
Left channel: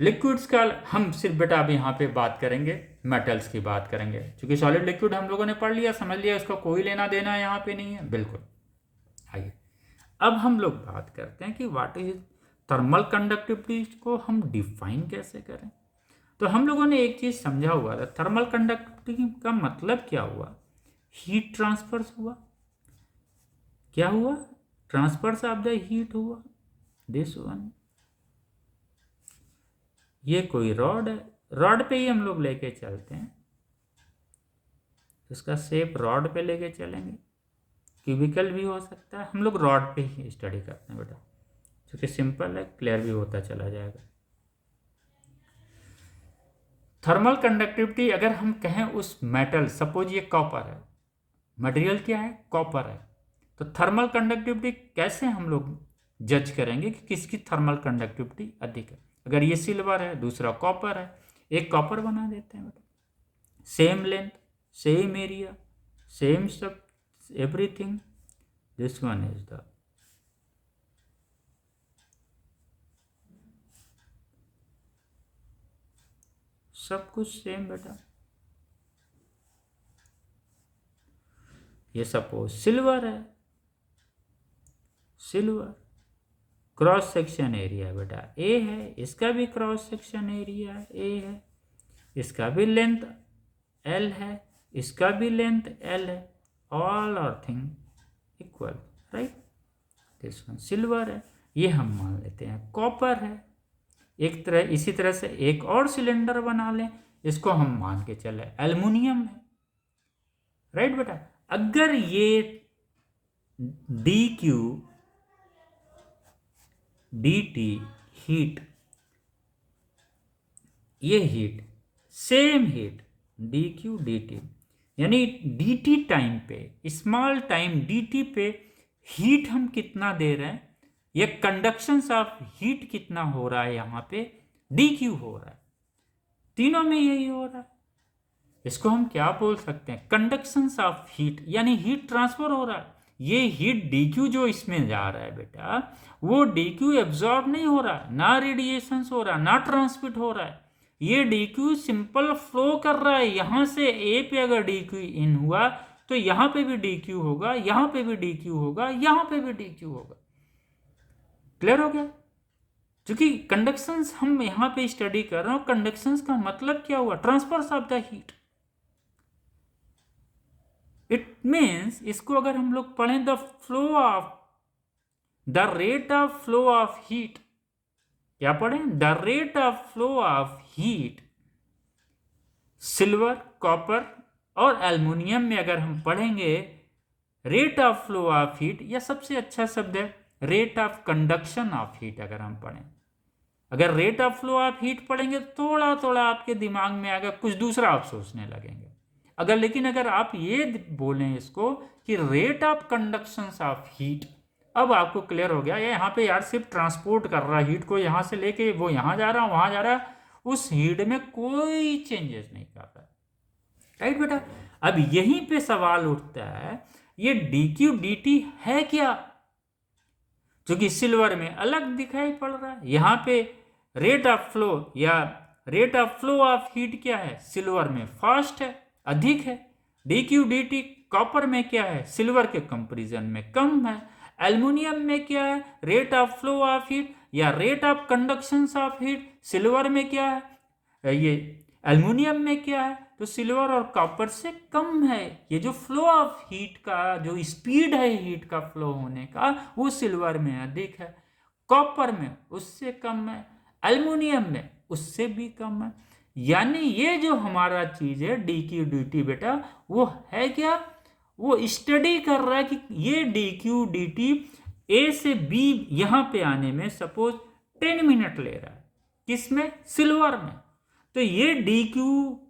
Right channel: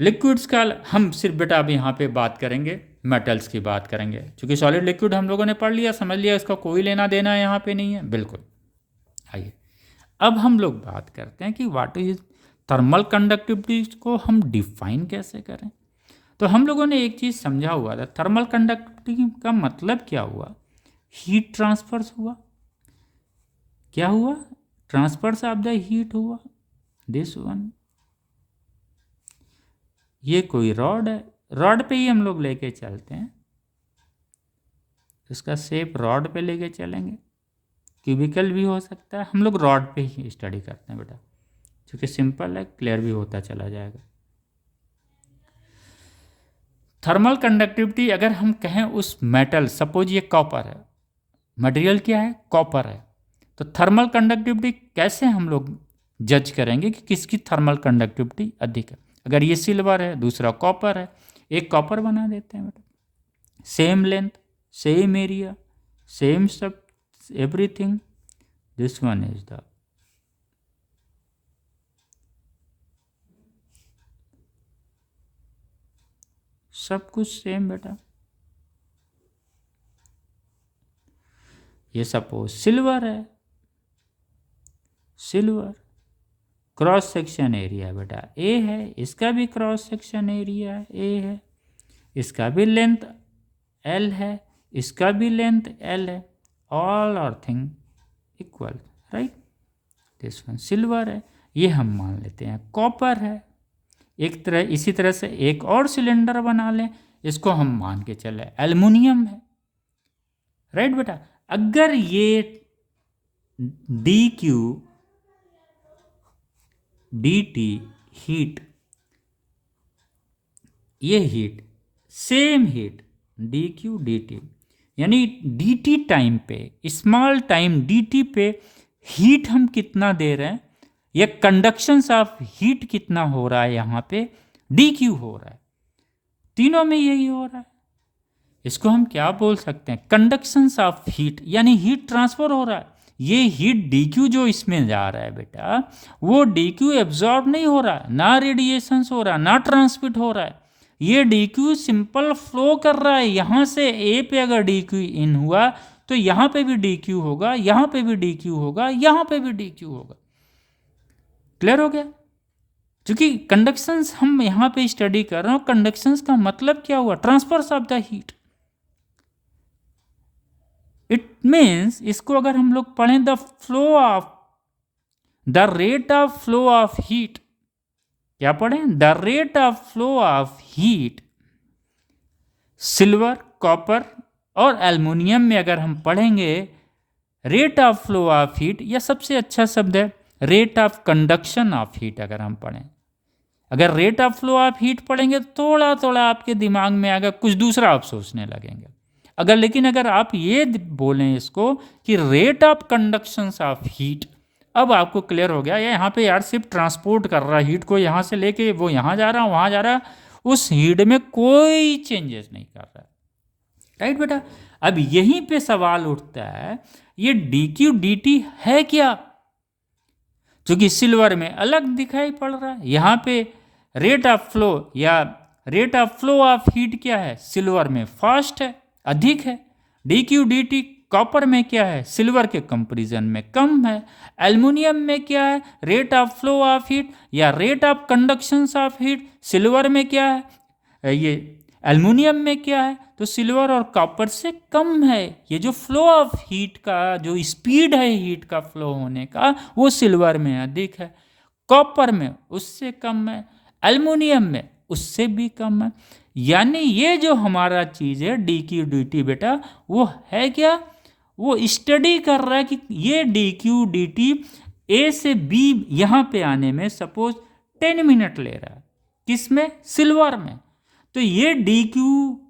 लिक्विड्स का हम सिर्फ बेटा अब यहाँ पे बात करेंगे, मेटल्स की बात करेंगे, क्योंकि सॉलिड लिक्विड हम लोगों ने पढ़ लिया, समझ लिया, इसका कोई लेना देना यहाँ पे नहीं है, बिल्कुल। आइए अब हम लोग बात करते हैं कि व्हाट इज थर्मल कंडक्टिविटी को हम डिफाइन कैसे करें। तो हम लोगों ने एक चीज़ समझा हुआ था, थर्मल कंडक्टिविटी का मतलब क्या हुआ, हीट ट्रांसफर्स हुआ, क्या हुआ, ट्रांसफर्स ऑफ द हीट हुआ, दिस वन। ये कोई रॉड है, रॉड पे ही हम लोग लेके चलते हैं, इसका शेप रॉड पे लेके चलेंगे, क्यूबिकल भी हो सकता है, हम लोग रॉड पे ही स्टडी करते हैं बेटा, क्योंकि सिंपल है, क्लियर भी होता चला जाएगा। थर्मल कंडक्टिविटी अगर हम कहें उस मेटल, सपोज ये कॉपर है, मटेरियल क्या है, कॉपर है, तो थर्मल कंडक्टिविटी कैसे हम लोग जज करेंगे कि किसकी थर्मल कंडक्टिविटी अधिक है। अगर ये सिल्वर है, दूसरा कॉपर है, एक कॉपर बना देते हैं बेटा, same length, same area, same सब everything, this one is the सब कुछ सेम बेटा। ये सपोज सिल्वर है, सिल्वर क्रॉस सेक्शन एरिया बेटा ए है, इसका भी क्रॉस सेक्शन एरिया ए है, इसका भी लेंथ एल है, इसका भी लेंथ एल है, all are thing equal, right. This one silver है, ये हम मान लेते हैं कॉपर है। एक तरह इसी तरह से एक और सिलेंडर बना लें, इसको हम मान के चले एल्युमिनियम है, राइट बेटा। अगर ये D Q D T heat, ये heat same heat D Q D T, यानी डी टी टाइम पे, स्मॉल टाइम डी टी पे हीट हम कितना दे रहे हैं, या कंडक्शंस ऑफ हीट कितना हो रहा है यहाँ पे, डी क्यू हो रहा है, तीनों में यही हो रहा है। इसको हम क्या बोल सकते हैं, कंडक्शंस ऑफ हीट, यानी हीट ट्रांसफर हो रहा है। ये हीट डीक्यू जो इसमें जा रहा है बेटा, वो डीक्यू एब्जॉर्ब नहीं हो रहा है, ना रेडिएशंस हो रहा है, ना ट्रांसमिट हो रहा है। ये डीक्यू सिंपल फ्लो कर रहा है। यहाँ से ए पे अगर डीक्यू इन हुआ तो यहाँ पे भी डीक्यू होगा, यहाँ पे भी डीक्यू होगा, यहाँ पे भी डीक्यू होगा। क्लियर हो गया? क्योंकि कंडक्शंस हम यहाँ पे स्टडी कर रहे हो, कंडक्शंस का मतलब क्या हुआ, transfers of the heat. It means इसको अगर हम लोग पढ़ें, the rate of flow of heat, क्या पढ़ें, the rate of flow of heat silver, copper और एल्युमिनियम में अगर हम पढ़ेंगे rate of flow of heat, या सबसे अच्छा शब्द है rate of conduction of heat. अगर हम पढ़ें, अगर rate of flow of heat पढ़ेंगे तो थोड़ा थोड़ा आपके दिमाग में आएगा, कुछ दूसरा आप सोचने लगेंगे। लेकिन अगर आप ये बोलें इसको कि rate of conduction of heat, अब आपको क्लियर हो गया। ये यहाँ पे यार सिर्फ ट्रांसपोर्ट कर रहा है हीट को, यहाँ से लेके वो यहाँ जा रहा है, वहाँ जा रहा है, उस हीट में कोई चेंजेस नहीं कर रहा है। राइट बेटा? अब यहीं पे सवाल उठता है, ये डी क्यू डी टी है क्या? क्योंकि सिल्वर में अलग दिखाई पड़ रहा है, यहाँ पे रेट ऑफ फ्लो या rate of flow of heat क्या है, सिल्वर में फास्ट है, अधिक है। D Q D T copper में क्या है, सिल्वर के कंपैरिजन में कम है। एल्युमिनियम में क्या है, rate of flow of heat या rate of conduction of heat silver में क्या है, ये एल्युमिनियम में क्या है, तो सिल्वर और कॉपर से कम है। ये जो फ्लो ऑफ हीट का जो स्पीड है हीट का फ्लो होने का, वो सिल्वर में अधिक है, कॉपर में उससे कम है, एल्युमिनियम में उससे भी कम है। यानी ये जो हमारा चीज़ है डी क्यू डी टी बेटा, वो है क्या, वो स्टडी कर रहा है कि ये D Q D T A से बी यहाँ पे आने में सपोज 10 मिनट ले रहा है, किसमें, सिल्वर में। तो ये डी क्यू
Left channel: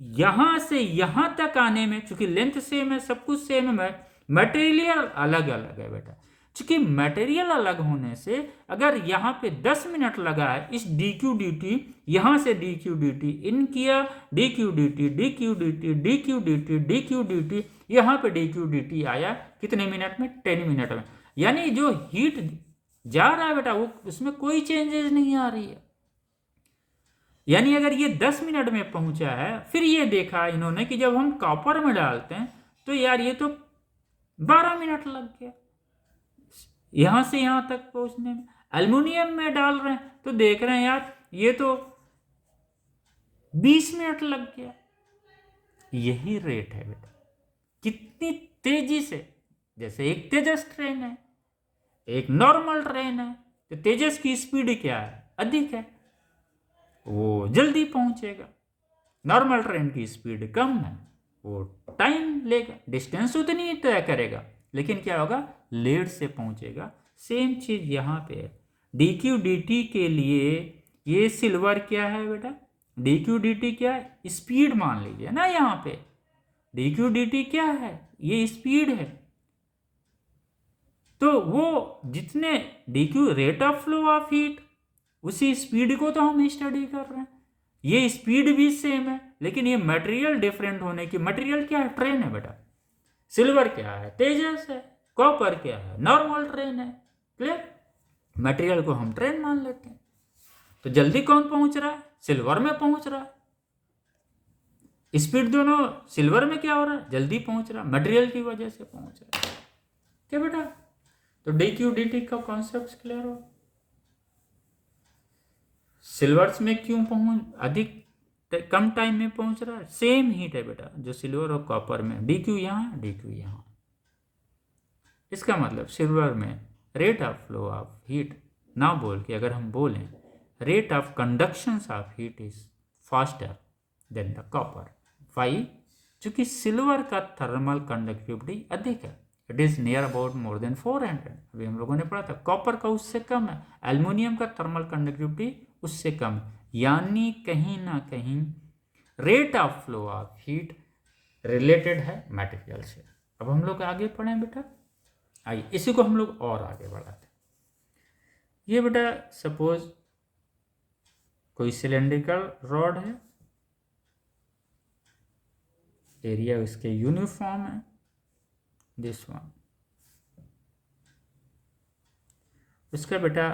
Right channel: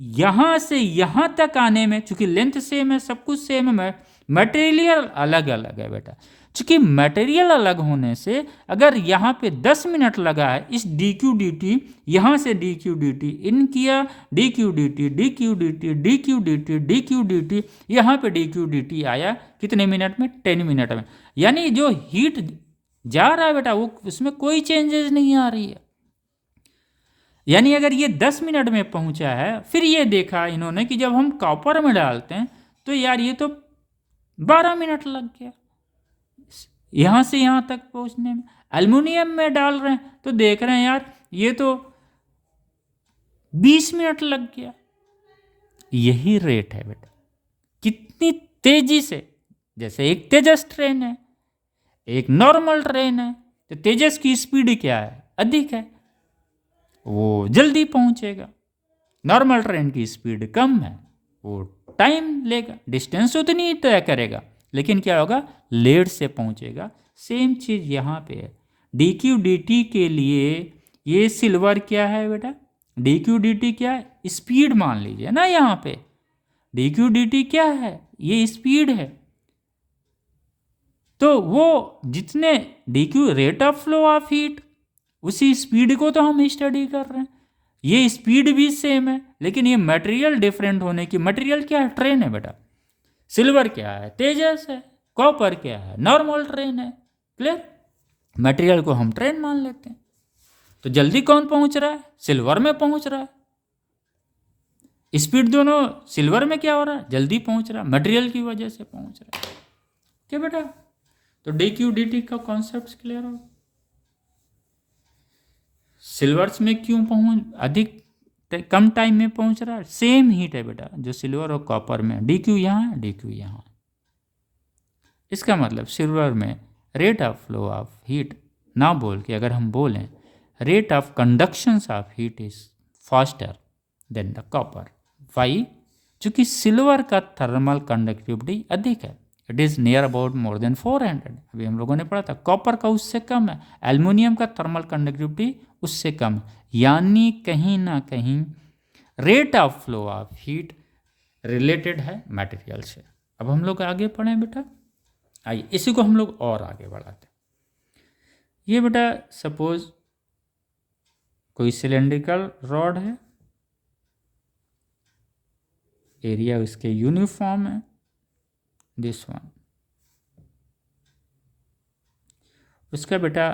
यहाँ से यहाँ तक आने में, चूंकि लेंथ सेम है, सब कुछ सेम है, मटेरियल अलग अलग है बेटा। चूंकि मटेरियल अलग होने से अगर यहाँ पे 10 मिनट लगा है इस डी क्यू डी टी, यहाँ से डी क्यू डी टी इन किया, D Q D T, D Q D T, D Q D T, D Q D T, यहाँ पे डी क्यू डी टी आया कितने मिनट में, 10 मिनट में। यानी जो हीट जा रहा है बेटा वो उसमें कोई चेंजेस नहीं आ रही है। यानी अगर ये 10 मिनट में पहुंचा है, फिर ये देखा इन्होंने कि जब हम कॉपर में डालते हैं तो यार ये तो 12 मिनट लग गया यहाँ से यहाँ तक पहुंचने में। एल्युमिनियम में डाल रहे हैं तो देख रहे हैं यार ये तो 20 मिनट लग गया। यही रेट है बेटा, कितनी तेजी से, जैसे एक तेजस ट्रेन है, एक नॉर्मल ट्रेन है, तो तेजस की स्पीड क्या है, अधिक है, वो जल्दी पहुंचेगा। नॉर्मल ट्रेन की स्पीड कम है, वो टाइम लेगा, डिस्टेंस उतनी ही तय करेगा, लेकिन क्या होगा, लेट से पहुंचेगा। सेम चीज़ यहाँ पे है। डी क्यू डी टी के लिए ये सिल्वर क्या है बेटा, डी क्यू डी टी क्या है, स्पीड मान लीजिए ना, यहाँ पे डी क्यू डी टी क्या है, ये स्पीड है। तो वो जितने D Q rate of flow of heat, उसी स्पीड को तो हम स्टडी कर रहे हैं। ये स्पीड भी सेम है, लेकिन ये मटेरियल डिफरेंट होने की, मटेरियल क्या है, ट्रेन है बेटा, सिल्वर क्या है, तेजस है, कॉपर क्या है, नॉर्मल ट्रेन है। क्लियर? मटेरियल को हम ट्रेन मान लेते हैं। तो जल्दी कौन पहुंच रहा है, सिल्वर में पहुंच रहा है। स्पीड दोनों, सिल्वर में क्या हो रहा है, जल्दी पहुंच रहा है, मटेरियल की वजह से पहुंच रहा है। क्या बेटा? तो डी क्यू डी टी का कॉन्सेप्ट क्लियर हो। सिल्वर्स में क्यों अधिक कम टाइम में पहुंच रहा है, सेम हीट है बेटा जो सिल्वर और कॉपर में, डी क्यू यहाँ, डी क्यू यहाँ। इसका मतलब सिल्वर में rate of flow of heat ना बोल के अगर हम बोलें rate of conduction of heat is faster than the copper. Why? चूंकि सिल्वर का थर्मल कंडक्टिविटी अधिक है, it is near about more than 400। अभी हम लोगों ने पढ़ा था कॉपर का उससे कम है, एल्युमिनियम का थर्मल कंडक्टिविटी उससे कम है। यानी कहीं ना कहीं rate of flow of heat related है मटेरियल से। अब हम लोग आगे पढ़ें बेटा, आइए इसी को हम लोग और आगे बढ़ाते हैं। ये बेटा सपोज कोई सिलेंड्रिकल रॉड है, एरिया इसके यूनिफॉर्म है, दिस वन। उसका बेटा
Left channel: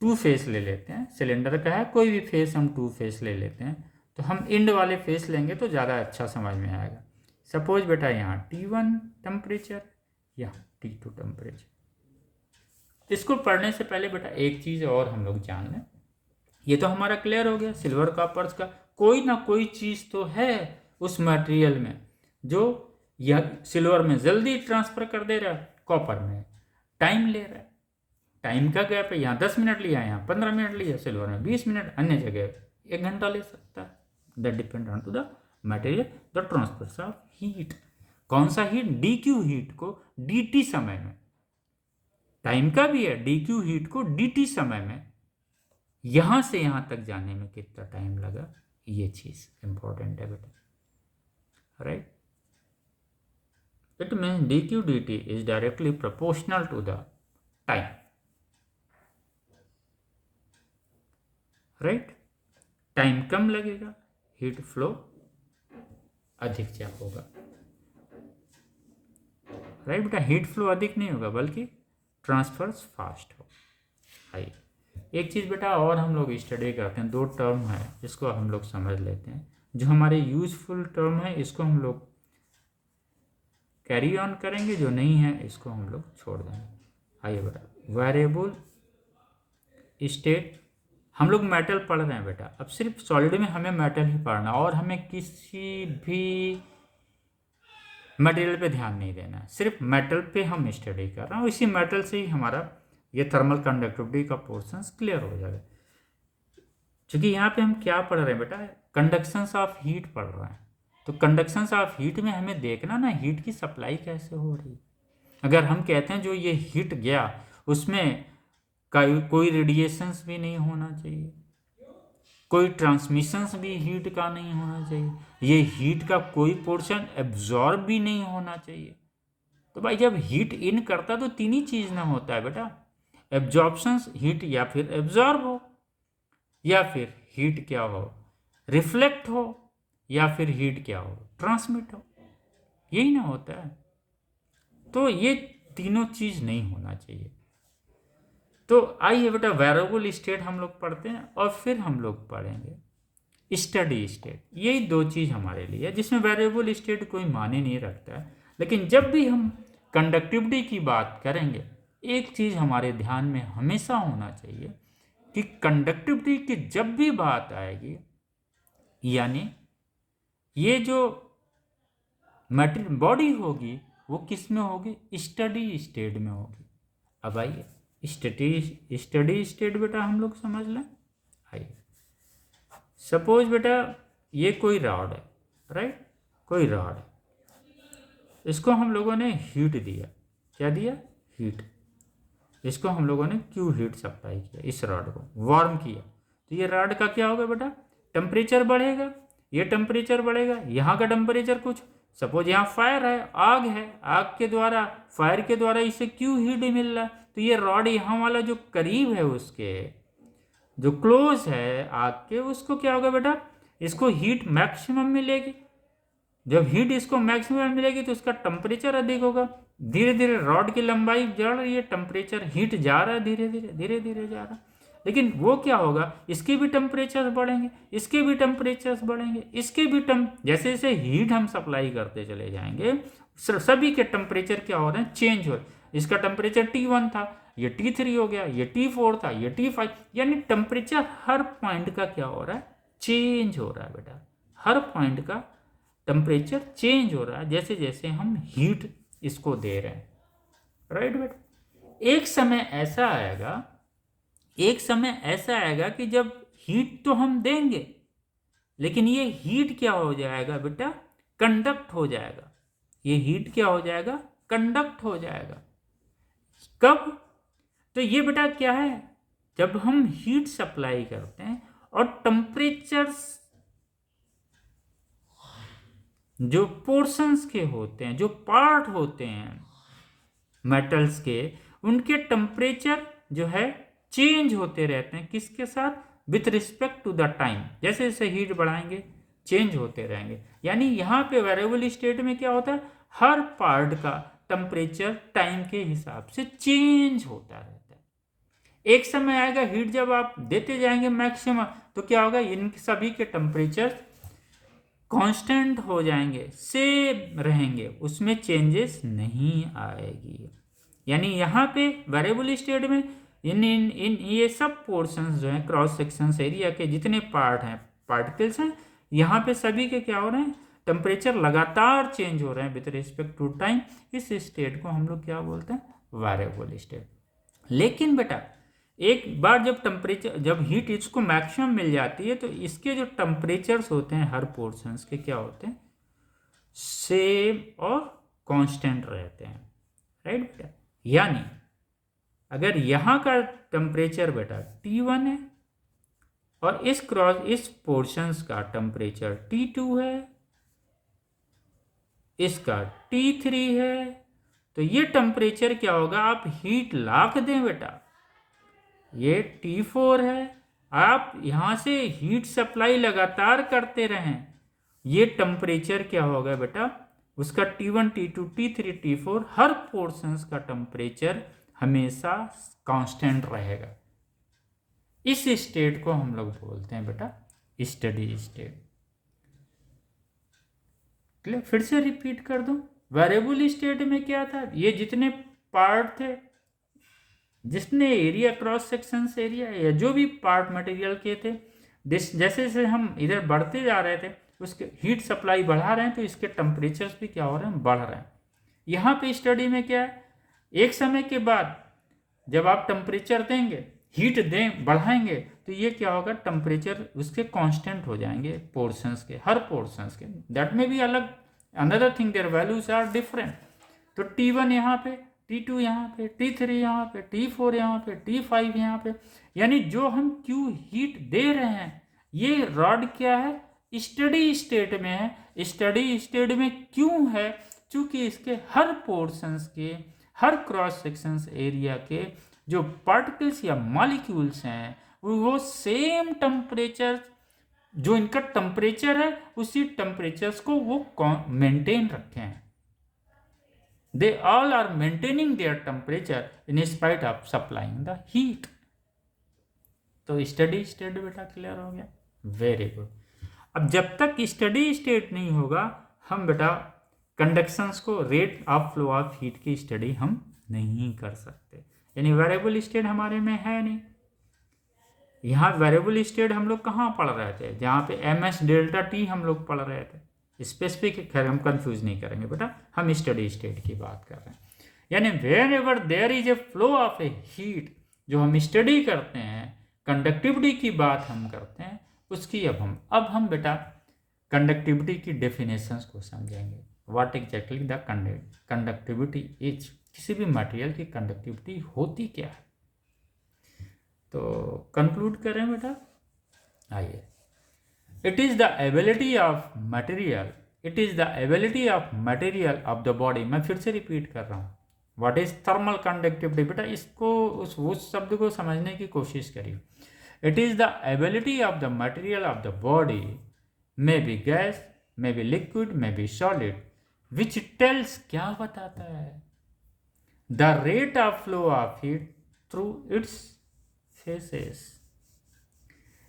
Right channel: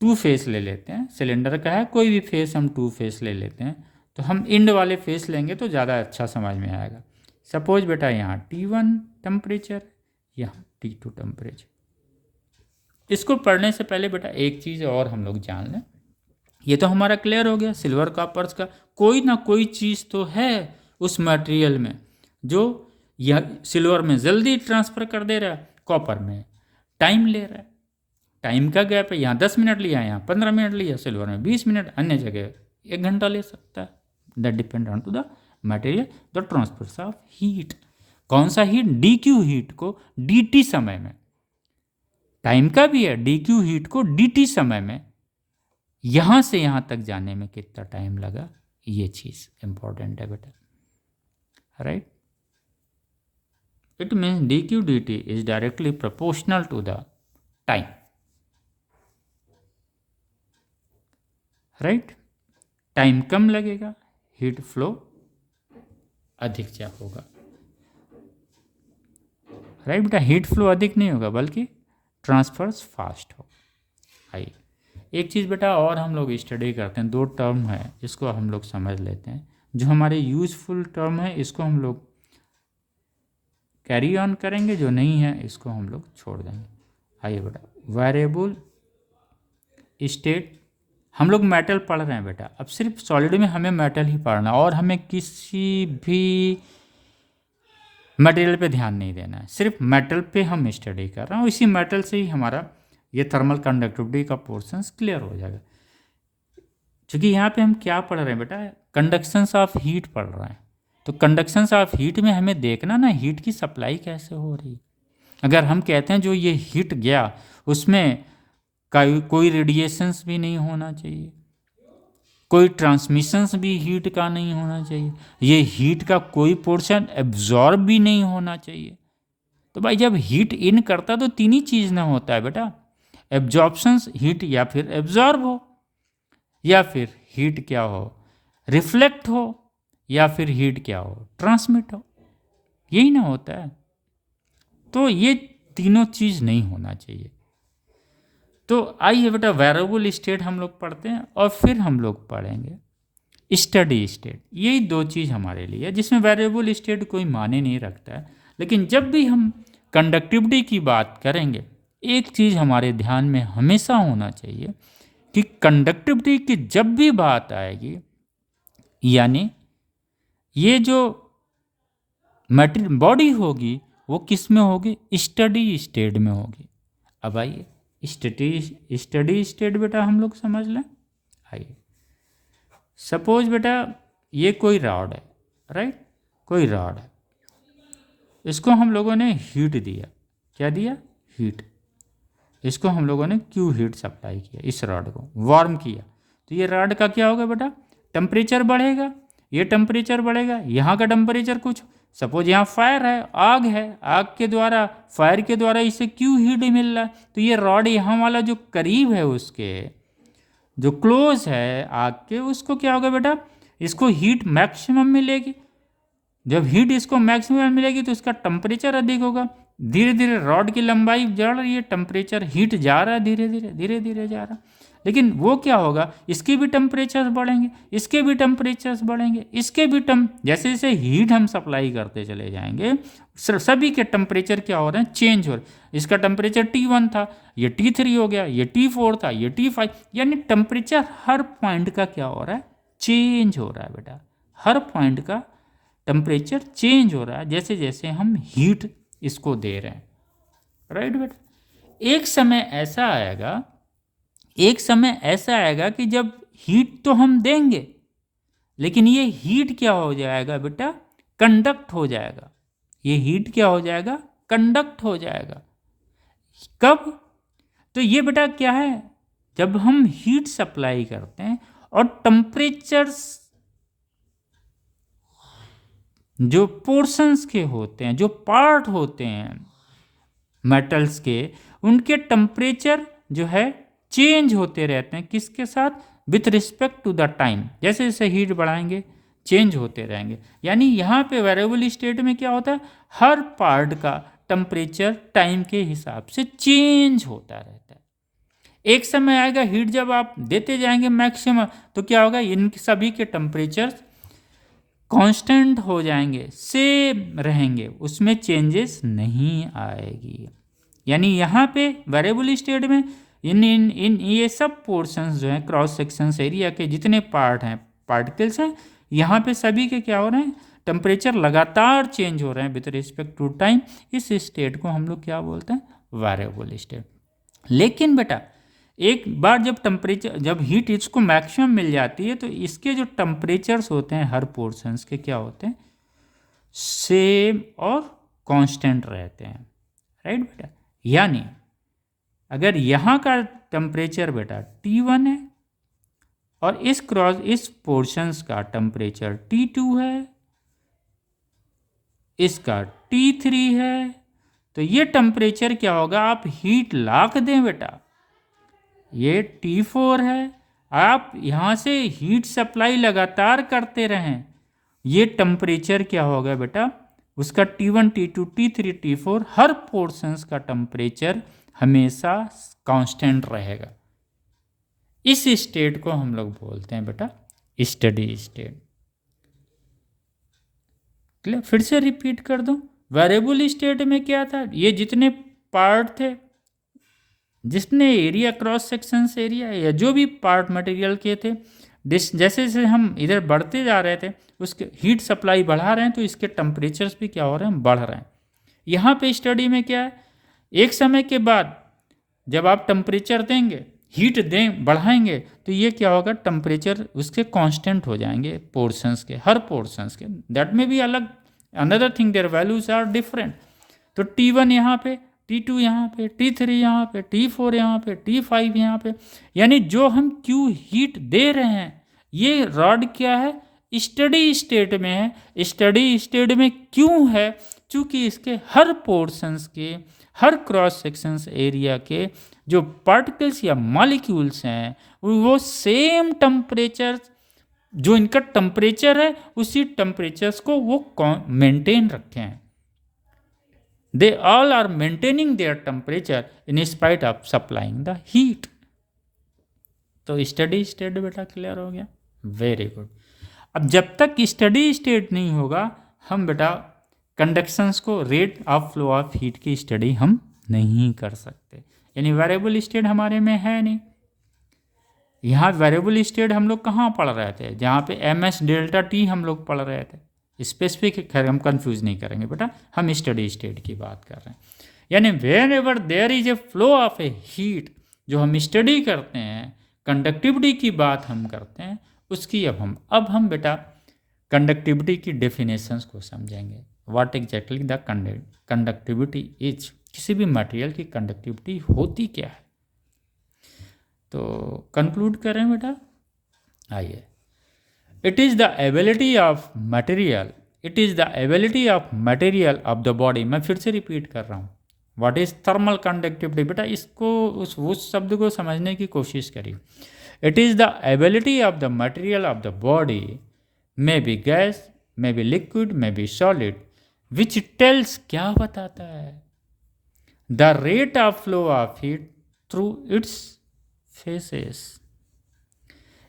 टू फेस ले लेते हैं, सिलेंडर का है, कोई भी फेस हम टू फेस ले लेते हैं, तो हम इंड वाले फेस लेंगे तो ज़्यादा अच्छा समझ में आएगा। सपोज बेटा यहाँ T1 टेम्परेचर, यहाँ T2 टेम्परेचर। इसको पढ़ने से पहले बेटा एक चीज़ और हम लोग जान लें। ये तो हमारा क्लियर हो गया, सिल्वर कॉपर्स का कोई ना कोई चीज़ तो है उस मटेरियल में जो यह सिल्वर में जल्दी ट्रांसफ़र कर दे रहा है, कॉपर में टाइम ले रहा है। टाइम का गैप है, यहाँ 10 मिनट लिया, यहाँ 15 मिनट लिया, सिल्वर में 20 मिनट, अन्य जगह 1 घंटा ले सकता है। That depend on to the material the transfer of heat. कौन सा हीट? डी क्यू हीट को डी टी समय में, टाइम का भी है, डी क्यू हीट को डी टी समय में यहाँ से यहाँ तक जाने में कितना टाइम लगा, ये चीज़ इंपॉर्टेंट है बेटा, right. It means D Q D T is directly proportional to the time, right. Time कम लगेगा, हीट फ्लो अधिक जा होगा, राइट बेटा। हीट फ्लो अधिक नहीं होगा बल्कि ट्रांसफर्स फास्ट हो। आइए एक चीज़ बेटा और हम लोग स्टडी करते हैं, 2 टर्म है जिसको हम लोग समझ लेते हैं, जो हमारे यूजफुल टर्म है इसको हम लोग कैरी ऑन करेंगे, जो नहीं है इसको हम लोग छोड़ देंगे। आइए बेटा, वेरिएबल स्टेट, हम लोग मेटल पढ़ रहे हैं बेटा, अब सिर्फ सॉलिड में हमें मेटल ही पढ़ना और हमें किसी भी मटेरियल पे ध्यान नहीं देना है, सिर्फ मेटल पे हम स्टडी कर रहे हैं और इसी मेटल से ही हमारा ये थर्मल कंडक्टिविटी का पोर्शंस क्लियर हो जाएगा। क्योंकि यहाँ पे हम क्या पढ़ रहे हैं बेटा, कंडक्शंस ऑफ हीट पढ़ रहे हैं, तो कंडक्शंस ऑफ हीट में हमें देखना ना हीट की सप्लाई कैसे हो रही है। अगर हम कहते हैं जो ये हीट गया उसमें कोई रेडिएशंस भी नहीं होना चाहिए, कोई ट्रांसमिशंस भी हीट का नहीं होना चाहिए, ये हीट का कोई पोर्शन एब्जॉर्ब भी नहीं होना चाहिए। तो भाई जब हीट इन करता तो 3 ही चीज़ ना होता है बेटा, एब्जॉर्प्शंस हीट या फिर एब्जॉर्ब हो, या फिर हीट क्या हो रिफ्लेक्ट हो, या फिर हीट क्या हो ट्रांसमिट हो, यही ना होता है। तो ये तीनों चीज़ नहीं होना चाहिए। तो आइए बेटा वेरिएबल स्टेट हम लोग पढ़ते हैं और फिर हम लोग पढ़ेंगे स्टडी स्टेट। यही 2 चीज़ हमारे लिए है जिसमें वेरिएबल स्टेट कोई माने नहीं रखता है, लेकिन जब भी हम कंडक्टिविटी की बात करेंगे एक चीज़ हमारे ध्यान में हमेशा होना चाहिए कि कंडक्टिविटी की जब भी बात आएगी, यानी ये जो मटेरियल बॉडी होगी वो किस में होगी, स्टडी स्टेट में होगी। अब आइए स्टडी स्टेट बेटा हम लोग समझ लें। आइए सपोज बेटा ये कोई रॉड है, राइट, कोई रॉड है, इसको हम लोगों ने हीट दिया, क्या दिया, हीट। इसको हम लोगों ने क्यू हीट सप्लाई किया, इस रॉड को वार्म किया, तो ये रॉड का क्या होगा बेटा, टेम्परेचर बढ़ेगा, ये टेम्परेचर बढ़ेगा, यहाँ का टेम्परेचर कुछ, सपोज यहाँ फायर है, आग है, आग के द्वारा फायर के द्वारा इसे क्यू हीट ही मिल रहा है, तो ये रॉड यहाँ वाला जो करीब है उसके जो क्लोज है आग के, उसको क्या होगा बेटा, इसको हीट मैक्सिमम मिलेगी। जब हीट इसको मैक्सिमम मिलेगी तो इसका टेम्परेचर अधिक होगा, धीरे धीरे रॉड की लंबाई बढ़ रही है, टेम्परेचर हीट जा रहा है, धीरे धीरे जा रहा है, लेकिन वो क्या होगा, इसके भी टेम्परेचर बढ़ेंगे, इसके भी टेम्परेचर्स बढ़ेंगे, इसके भी जैसे जैसे हीट हम सप्लाई करते चले जाएंगे सभी के टेम्परेचर क्या हो रहे हैं, चेंज हो रहे हैं। इसका टेम्परेचर T1 था, ये T3 हो गया, ये T4 था, ये T5, यानी टेम्परेचर हर पॉइंट का क्या हो रहा है, चेंज हो रहा है बेटा, हर पॉइंट का टेम्परेचर चेंज हो रहा है जैसे जैसे हम हीट इसको दे रहे हैं, राइट बेटा। एक समय ऐसा आएगा कि जब हीट तो हम देंगे लेकिन ये हीट क्या हो जाएगा बेटा, कंडक्ट हो जाएगा, ये हीट क्या हो जाएगा, कंडक्ट हो जाएगा। कब, तो ये बेटा क्या है, जब हम हीट सप्लाई करते हैं और टेम्परेचर्स जो पोर्शंस के होते हैं, जो पार्ट होते हैं मेटल्स के, उनके टेम्परेचर जो है चेंज होते रहते हैं, किसके साथ, with respect to the time. जैसे जैसे हीट बढ़ाएंगे चेंज होते रहेंगे। यानी यहाँ पे वेरिएबल स्टेट में क्या होता है, हर पार्ट का टेम्परेचर टाइम के हिसाब से चेंज होता रहता है। एक समय आएगा हीट जब आप देते जाएंगे मैक्सिमम, तो क्या होगा, इन सभी के टेम्परेचर कांस्टेंट हो जाएंगे, सेम रहेंगे, उसमें चेंजेस नहीं आएगी। यानी यहाँ पे वेरिएबल स्टेट में इन ये सब पोर्शंस जो हैं, क्रॉस सेक्शंस एरिया के जितने पार्ट हैं, पार्टिकल्स हैं, यहाँ पे सभी के क्या हो रहे हैं, टेम्परेचर लगातार चेंज हो रहे हैं विद रिस्पेक्ट टू टाइम। इस स्टेट को हम लोग क्या बोलते हैं, वेरिएबल स्टेट। लेकिन बेटा एक बार जब टेम्परेचर, जब हीट इसको मैक्सिमम मिल जाती है, तो इसके जो टेम्परेचर्स होते हैं हर पोर्शंस के क्या होते हैं, सेम और कांस्टेंट रहते हैं, राइट बेटा। यानी अगर यहाँ का टेम्परेचर बेटा T1 है और इस पोर्शंस का टेम्परेचर T2 है, इसका T3 है, तो ये टेम्परेचर क्या होगा, आप हीट लाख दें बेटा, ये T4 है, आप यहाँ से हीट सप्लाई लगातार करते रहें, ये टेम्परेचर क्या होगा बेटा, उसका T1 T2 T3 T4 हर पोर्शंस का टेम्परेचर हमेशा कांस्टेंट रहेगा। इस स्टेट को हम लोग बोलते हैं बेटा स्टेडी स्टेट। क्लियर, फिर से रिपीट कर दूं, वेरिएबल स्टेट में क्या था, ये जितने पार्ट थे, जितने एरिया क्रॉस सेक्शंस एरिया या जो भी पार्ट मटेरियल के थे, जैसे जैसे हम इधर बढ़ते जा रहे थे, उसके हीट सप्लाई बढ़ा रहे हैं, तो इसके टेम्परेचर्स भी क्या हो रहे हैं, बढ़ रहे हैं। यहाँ पे स्टडी में क्या है, एक समय के बाद जब आप टेम्परेचर देंगे, हीट दें, बढ़ाएंगे, तो ये क्या होगा, टेम्परेचर उसके कांस्टेंट हो जाएंगे पोर्शंस के, हर पोर्शंस के। दैट में भी अलग, another thing, their values are different. तो T1 यहाँ पे, T2 यहाँ पे, T3 यहाँ पे, T4 यहाँ पे, T5 यहाँ पे, यानी जो हम Q हीट दे रहे हैं, ये रॉड क्या है, स्टडी स्टेट में है। स्टडी स्टेट में क्यों है, चूँकि इसके हर पोर्शंस के, हर क्रॉस सेक्शंस एरिया के जो पार्टिकल्स या मॉलिक्यूल्स हैं, वो सेम टेम्परेचर, जो इनका टेम्परेचर है, उसी टेम्परेचर्स को वो मेंटेन रखे हैं। They all are maintaining their temperature in spite of supplying the heat. तो स्टडी स्टेट बेटा क्लियर हो गया, वेरी गुड। अब जब तक स्टडी स्टेट नहीं होगा, हम बेटा कंडक्शंस को, rate of flow of heat की स्टडी हम नहीं कर सकते। यानी वेरिएबल स्टेट हमारे में है नहीं। यहाँ वेरिएबल स्टेट हम लोग कहाँ पढ़ रहे थे, जहाँ पे MS डेल्टा T हम लोग पढ़ रहे थे। स्पेसिफिक खैर हम कंफ्यूज नहीं करेंगे बेटा, हम स्टडी स्टेट की बात कर रहे हैं। यानी where ever there is a flow of a heat, जो हम स्टडी करते हैं, कंडक्टिविटी की बात हम करते हैं, उसकी अब हम बेटा कंडक्टिविटी की डेफिनेशंस को समझेंगे। What exactly the conductivity is, किसी भी मटेरियल की कंडक्टिविटी होती क्या है। तो कंक्लूड करें बेटा, आइए। It is the ability of material, it is the ability of material of the body. मैं फिर से रिपीट कर रहा हूँ, व्हाट इज़ थर्मल कंडक्टिविटी। बेटा इसको उस शब्द को समझने की कोशिश करिए। It is the ability of the material of the body, may be gas, may be liquid, may be solid, which tells, क्या बताता है, the rate of flow of heat through its faces.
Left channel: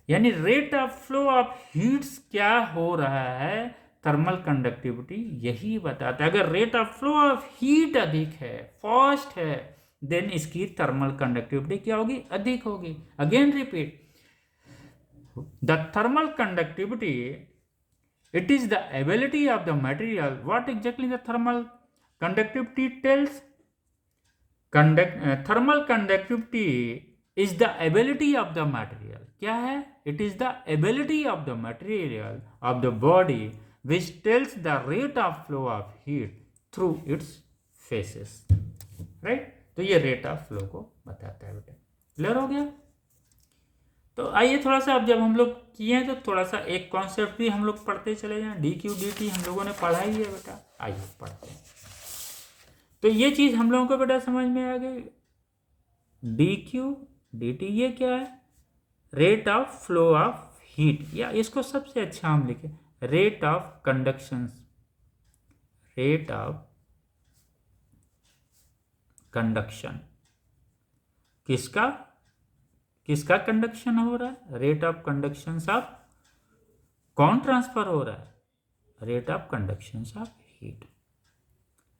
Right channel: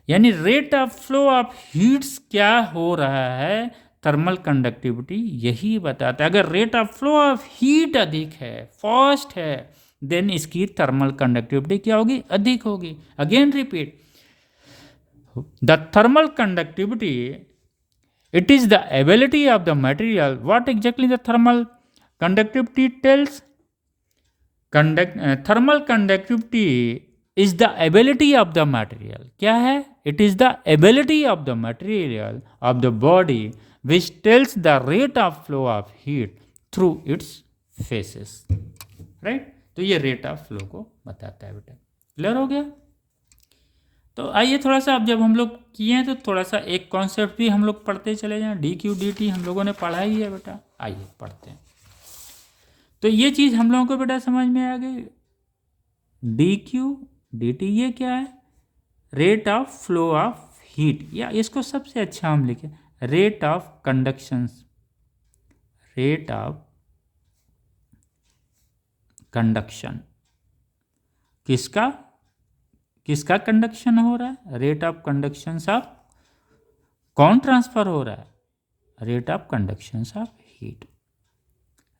यानी rate of flow of heats क्या हो रहा है, thermal conductivity यही बताता है। अगर rate of flow of heat अधिक है, फास्ट है, देन इसकी थर्मल कंडक्टिविटी क्या होगी, अधिक होगी। Again repeat, the thermal conductivity, it is the ability of the material, what exactly the thermal conductivity tells, thermal conductivity is the ability of the material, क्या है, it is the ability of the material of the body which tells the rate of flow of heat through its phases, right। तो ये rate of flow को बताता है बेटा, clear हो गया। तो आइए थोड़ा सा, अब जब हम लोग किए हैं, तो थोड़ा सा एक कॉन्सेप्ट भी हम लोग पढ़ते चले जाएं। dQ/dt हम लोगों ने पढ़ा ही है बेटा, आइए पढ़ते हैं। तो ये चीज़ हम लोगों को बेटा समझ में आ गई। dQ/dt ये क्या है, rate of flow of heat, या इसको सबसे अच्छा हम लिखें rate of conduction, rate of conduction किसका किसका कंडक्शन हो रहा है, रेट ऑफ कंडक्शन ऑफ कौन ट्रांसफर हो रहा है, rate of conduction of heat,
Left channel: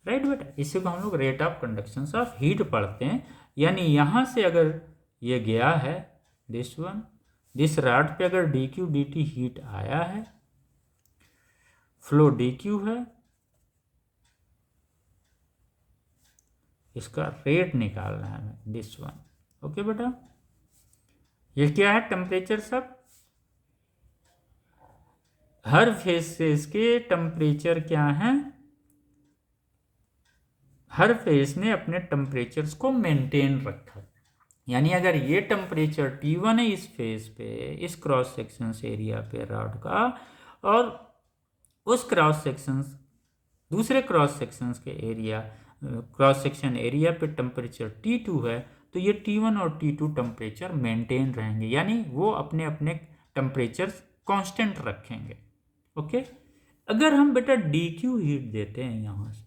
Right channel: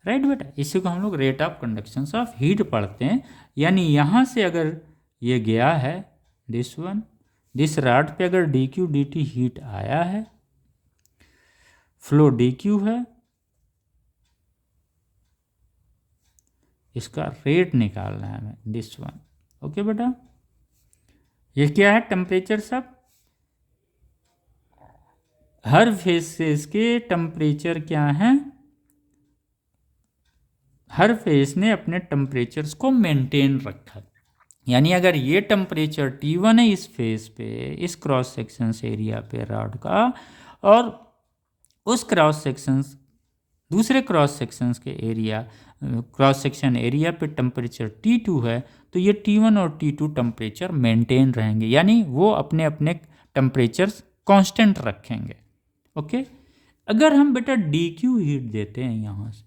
right बेटा। इसी को हम लोग rate of conduction of heat पढ़ते हैं। यानी यहाँ से अगर ये गया है दिस वन, दिस रॉड पे अगर D Q D T heat आया है, फ्लो डी क्यू है, इसका रेट निकालना है हमें दिस वन। ओके बेटा, ये क्या है, टेम्परेचर सब, हर फेसेस के टेम्परेचर क्या हैं, हर फेस ने अपने टेम्परेचर्स को मेंटेन रखा। यानी अगर ये टेम्परेचर T1 है इस फेस पे, इस क्रॉस सेक्शन एरिया पे रॉड का, और उस क्रॉस सेक्शंस दूसरे क्रॉस सेक्शंस के एरिया, क्रॉस सेक्शन एरिया पे टेम्परेचर T2 है, तो ये T1 और T2 टेम्परेचर मेंटेन रहेंगे, यानी वो अपने अपने टेम्परेचर्स कांस्टेंट रखेंगे। ओके, अगर हम बेटा DQ हीट देते हैं यहाँ से,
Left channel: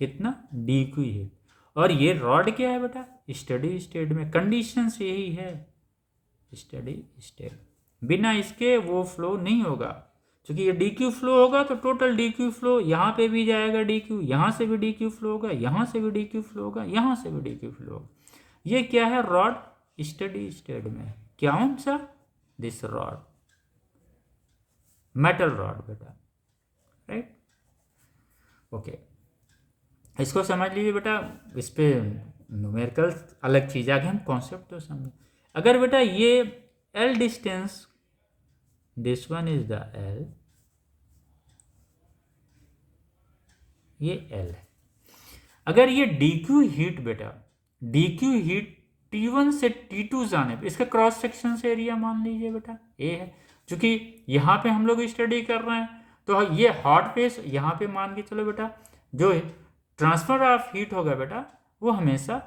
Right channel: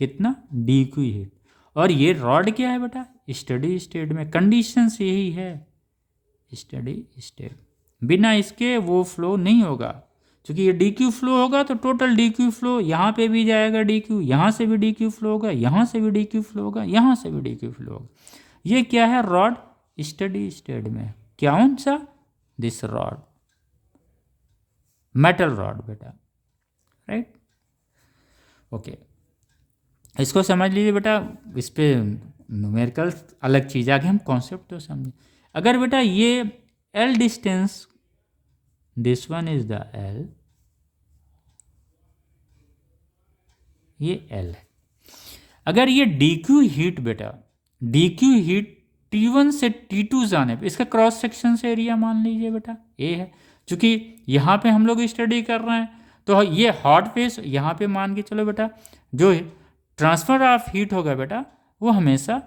कितना DQ हीट, और ये रॉड क्या है बेटा, स्टडी स्टेट में, कंडीशंस यही है स्टडी स्टेट, बिना इसके वो फ्लो नहीं होगा, क्योंकि ये DQ फ्लो होगा तो टोटल DQ फ्लो यहाँ पे भी जाएगा, DQ यहाँ से भी DQ फ्लो होगा, यहाँ से भी DQ फ्लो होगा, यहाँ से भी DQ फ्लो होगा। ये क्या है, रॉड स्टडी स्टेट में, कौन सा, दिस रॉड, मेटल रॉड बेटा, राइट। ओके, इसको समझ लीजिए बेटा, इस पे न्यूमेरिकल अलग चीज़, आगे हम कॉन्सेप्ट तो समझें। अगर बेटा ये L distance, this one is the L, ये L है, अगर ये DQ हीट बेटा, DQ हीट T1 से T2 जाने पे, इसका क्रॉस सेक्शन से एरिया मान लीजिए बेटा A है, क्योंकि यहाँ पे हम लोग स्टडी कर रहे हैं, तो ये हॉट फेस यहाँ पे मान के चलो बेटा, जो ट्रांसफर ऑफ हीट होगा बेटा वो हमेशा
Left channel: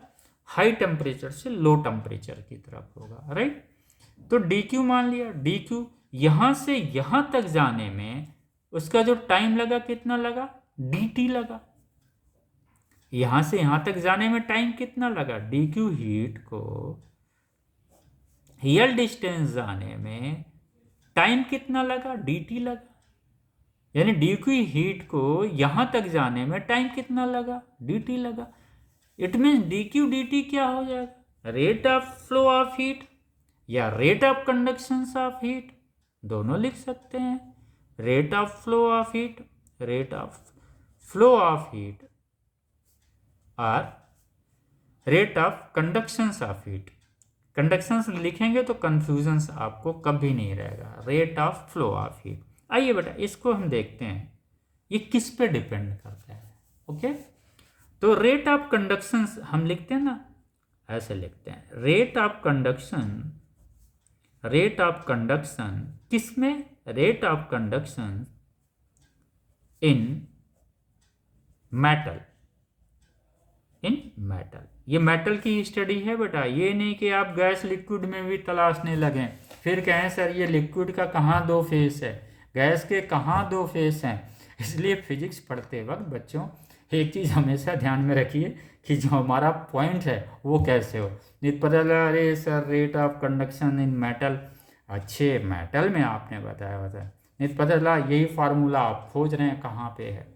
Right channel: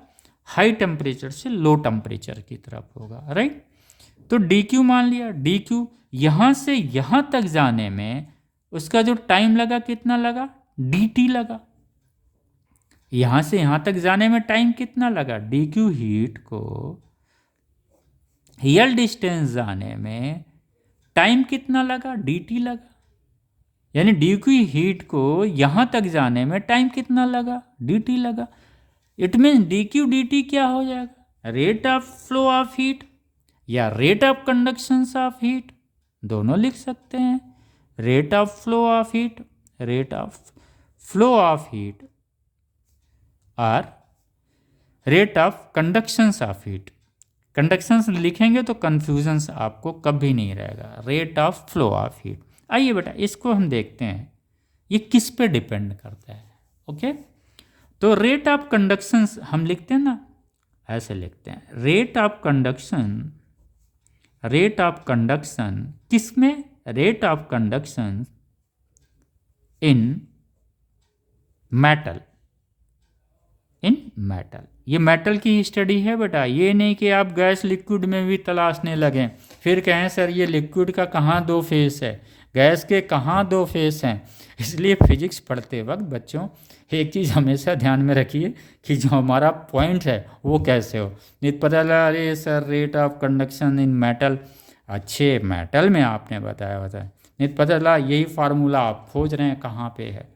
हाई टेम्परेचर से लो टेम्परेचर की तरफ होगा, राइट। तो DQ मान लिया, DQ यहाँ से यहाँ तक जाने में उसका जो टाइम लगा कितना लगा, DT लगा, यहाँ से यहाँ तक जाने में टाइम कितना लगा, DQ हीट को L डिस्टेंस जाने में टाइम कितना लगा, DT लगा, यानी DQ हीट को यहाँ तक जाने में टाइम कितना लगा, DT लगा। इट मीन्स DQ DT क्या हो जाएगा, rate of flow of heat या rate of conduction of heat, दोनों लिख सकते हैं। Rate of flow of heat, rate of flow of heat, और rate of conduction of heat. Conduction लिखेंगे तो कंफ्यूजन आपको कभी नहीं रहेगा, rate of flow of heat. आइए बेटा इसको हम देखते हैं ये किस पे डिपेंड करता है। ओके, तो रेट ऑफ कंडक्शन हम लिखते हैं ना, ऐसे लिखते हैं, rate of conduction, rate of conduction किस में, rate of conduction in metal, in metal. ये मेटल की स्टडी है बेटा, ये नहीं कि आप गैस लिक्विड में भी तलाशने लगें, फिर कहें सर ये लिक्विड का कहाँ दो फेस है, गैस के कहाँ दो फेस हैं। इसलिए फिजिक्स पढ़ते वक्त बच्चों एक चीज़ हमेशा ध्यान में रखिए कि जो हमारा पॉइंट है वो कैसे हो। नहीं पता लगा अरे sir rate of conduction in metal, अच्छे मेटल में आपने बताया होता है, नहीं पता चला यही फार्मूला आप खोज रहे हैं कहाँ पे है।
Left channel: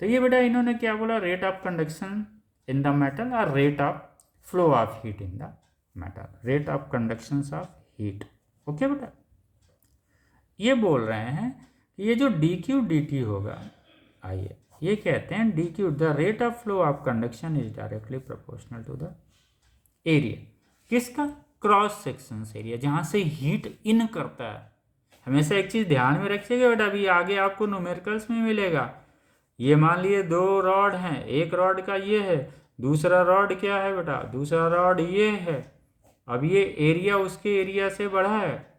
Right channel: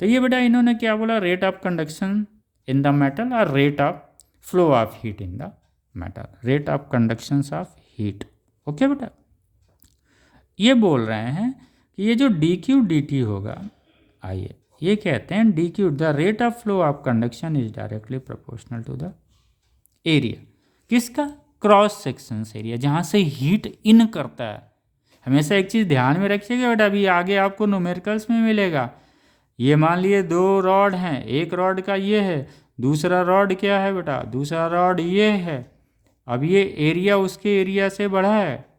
तो ये बेटा इन्होंने क्या बोला, rate of conduction in the metal और rate of flow of heat in the metal, rate of conduction of heat. Okay बेटा, ये बोल रहे हैं कि ये जो DQ DT होगा, आइए ये कहते हैं DQ the rate of flow of conduction is directly proportional to the area, किसका, क्रॉस सेक्शन एरिया जहाँ से हीट इन करता है। हमेशा एक चीज़ ध्यान में रखिएगा बेटा, अभी आगे आपको न्यूमेरिकल्स में मिलेगा। ये मान लिए दो रॉड हैं, एक रॉड का ये है, दूसरा रॉड क्या है बेटा, दूसरा रॉड ये है। अब ये एरिया उसके एरिया से बढ़ा है,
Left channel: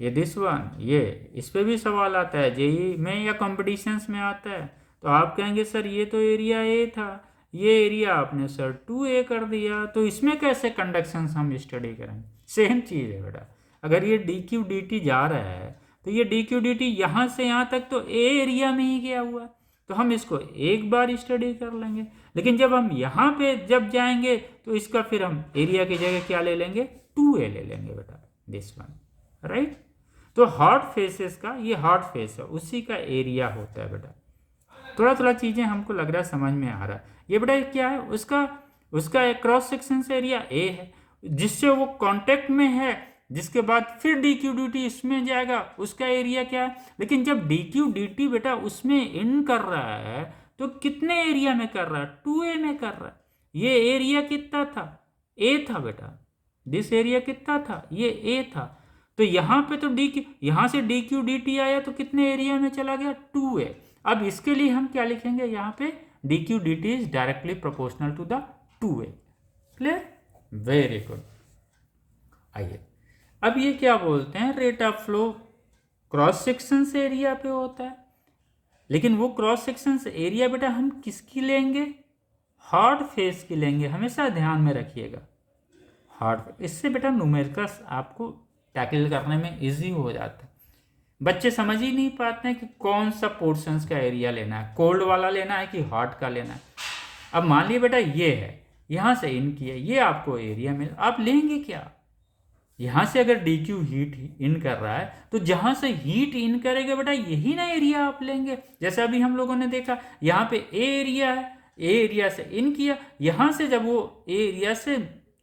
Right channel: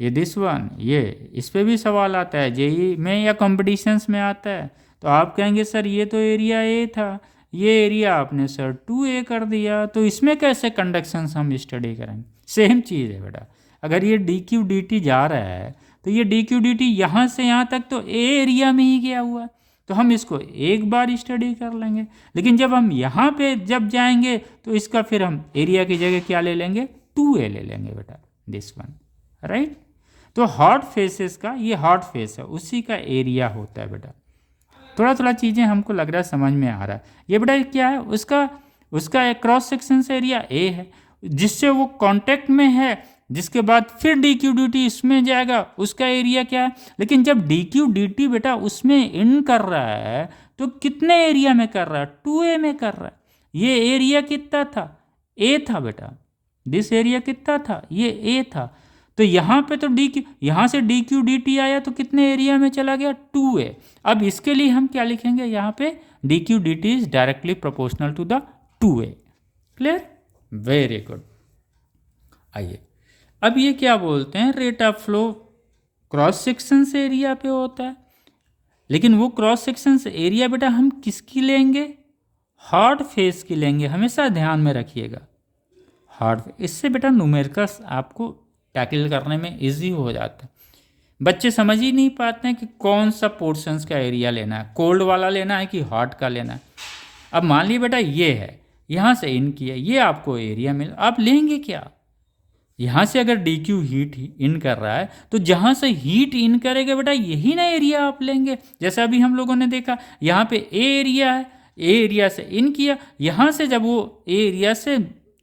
ये दिस वन, ये इस पे भी सवाल आता है जेई में या कॉम्पिटिशन्स में आता है, तो आप कहेंगे सर ये तो एरिया ए था, ये एरिया आपने सर 2A कर दिया, तो इसमें कैसे कंडक्शन हम स्टडी करेंगे। सेम चीज़ है बेटा, अगर ये DQ DT जा रहा है तो ये डी क्यू डी टी यहाँ से यहाँ तक तो ए एरिया में ही गया हुआ है, तो हम इसको एक बार स्टडी कर लेंगे। लेकिन जब हम यहाँ पे जब जाएंगे तो इसका फिर हम एरिया की जगह क्या ले लेंगे, 2a ले लेंगे बेटा, दिस वन, राइट। तो हॉट फेसेस का ये हॉट फेस है, उसी का एरिया होता है बेटा। थोड़ा थोड़ा चीज़ें हमको लग रहा है समझ में आ रहा है। ये बेटा क्या है, उसका क्रॉस सेक्शन एरिया ए है, जिससे वो कांटेक्ट में है, जिसके बाद फिर डी क्यू डी टी इसमें जाएगा, उसका एरिया क्या है। लेकिन जब डी क्यू डी टी बेटा उसमें इन कर रहा है तो कितने एरिया में कर रहा है, 2a में कर रहा है। ये एरिया कितना था, ए था बेटा, दिस एरिया कितना था, ये ए था। तो यहाँ पे तो यहाँ से डी क्यू डी टी आया तो कितने एरिया में चला गया, 2a। अब इसके लिए हम क्या लिखेंगे यहाँ पे, d Q D T is directly proportional to the 2a। Clear, very good. आइए अब ये क्या बोलते हैं, rate of flow cross section से एरिया पे होता है। लेकिन वो क्रॉस सेक्शन से एरिया बेटा हम किसकी लेंगे, हार्ड फेस की लेंगे, हमेशा ध्यान में रखिएगा। हार्ड, इससे बेटा न्यूमेरिकल्स आपको टैकल करने में इजी हो जाता है। बच्चे समझ ही नहीं पाते हैं कि कौन सा पोर्शंस का एरिया लेना है, कोल्ड वाला लेना है कि हॉट का लेना है। अब मान लीजिए बेटा ये है, यहाँ से इन किया, ये आपको एरिया मिल, आप लेंगे क्या, यहाँ से अगर डी क्यू हीट इन कर रहा है तो जहाँ से हीट इन करेगा बेटा यही ना एरिया आप लेंगे। जैसे अभी हम लोगों ने देखा यहाँ पे ए एरिया है, ए एरिया से इन किया, यहाँ से जब वो ए एरिया से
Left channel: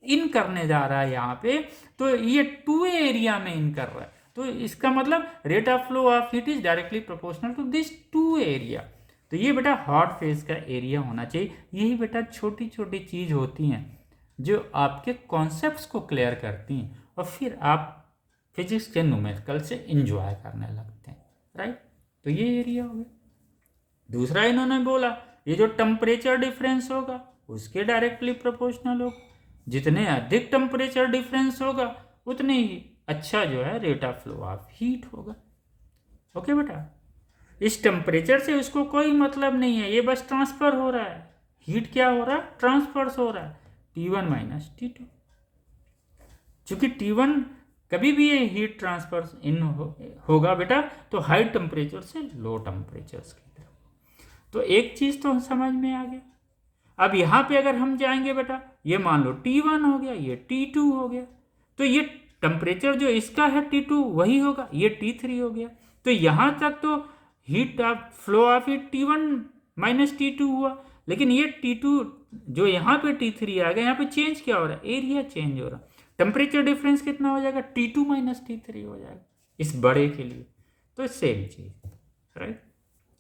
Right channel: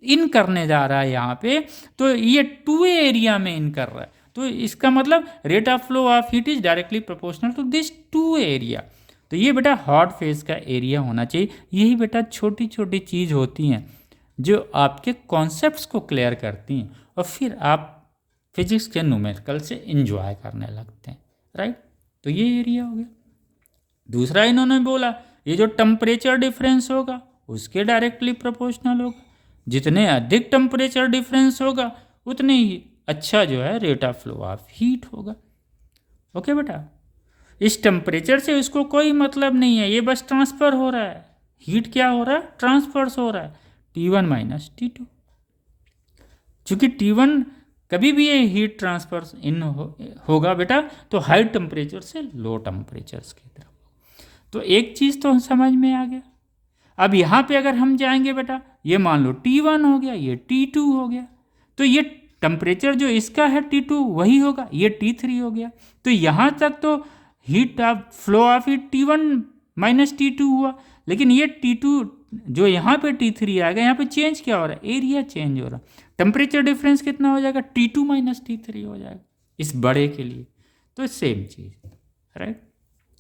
इन करने जा रहा है यहाँ पे, तो ये 2a एरिया में इन कर रहा है। तो इसका मतलब rate of flow of heat is directly proportional to this 2a area. तो ये बेटा हॉट फेज का एरिया होना चाहिए। यही बेटा छोटी छोटी चीज़ होती हैं जो आपके कॉन्सेप्ट्स को क्लियर करती हैं और फिर आप फिजिक्स के न्यूमेरिकल से इंजॉय करने लगते हैं, राइट। तो ये एरिया हो गया। दूसरा इन्होंने बोला ये जो टेम्परेचर डिफरेंस होगा उसके डायरेक्टली प्रोपोर्शनल होगा। जितने अधिक टेम्परेचर डिफरेंस होगा उतने ही अच्छा जो है rate of flow of heat होगा। ओके बेटा, इस टेम्परेचर से इसको कोई मतलब नहीं है, ये बस ट्रांसफ़र हो रहा है। हीट क्या हो रहा है, ट्रांसफर्स हो रहा है, T1 माइनस T2। चूँकि T1 कभी भी ये हीट ट्रांसफर इन होगा बेटा तो हाई टेम्परेचर से लो टेम्परेचर्स की तरफ। तो एक चीज़ तो समझ में आ गया। अब यहाँ पे अगर हम जाएंगे बेटा, ये मान लो T1 हो गया, ये T2 हो गया, तो ये टेम्परेचर जो इसका है T2 वही होगा, ये T3 हो गया। तो यहाँ तक तो heat of flow of heat T1 minus T2 हुआ। लेकिन ये T2 जो यहाँ पे T3 आ गया, यहाँ पे चेंज क्या हो रहा है, एरिया चेंज हो रहा है। टेम्परेचर डिफरेंस कितना हो जाएगा, T2 माइनस T3 हो जाएगा इस बड़े के लिए। तो सेम चीज़, राइट।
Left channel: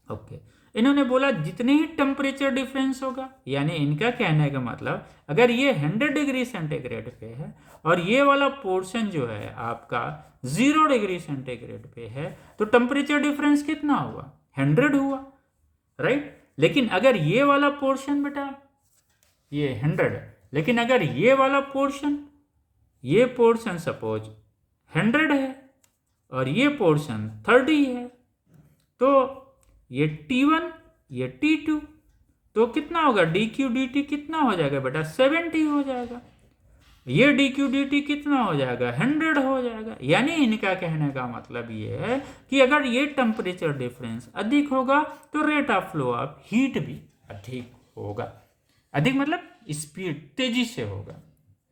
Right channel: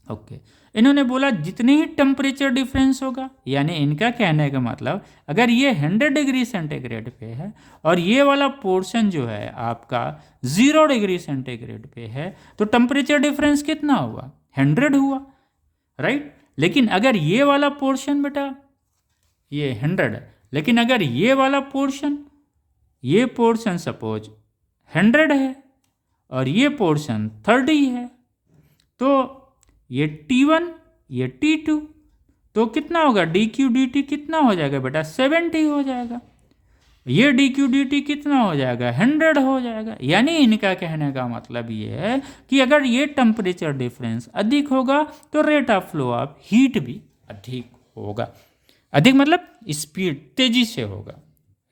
ओके, इन्होंने बोला जितने ही टेम्परेचर डिफरेंस होगा, यानी इनका कहने का मतलब अगर ये 100 डिग्री सेंटीग्रेड पे है और ये वाला पोर्शन जो है आपका 0 डिग्री सेंटीग्रेड पे है, तो टेम्परेचर डिफरेंस कितना हुआ, 100 हुआ, राइट। लेकिन अगर ये वाला पोर्शन बेटा ये 100 है, लेकिन अगर ये वाला पोर्शन सपोज 100 है और ये पोर्शन 30 है, तो ये T1 ये T2, तो कितना होगा, डी क्यू डी टी कितना हो जाएगा बेटा, 70 हो जाएगा। ये डी क्यू डी टी कितना हो जाएगा, 100 हो जाएगा। यानी इनका कहने का मतलब ये है कि अगर ये टेम्परेचर डिफरेंस अधिक होगा तो rate of flow of heat भी अधिक होगा। अधिक मतलब स्पीड, तेजी से होगा,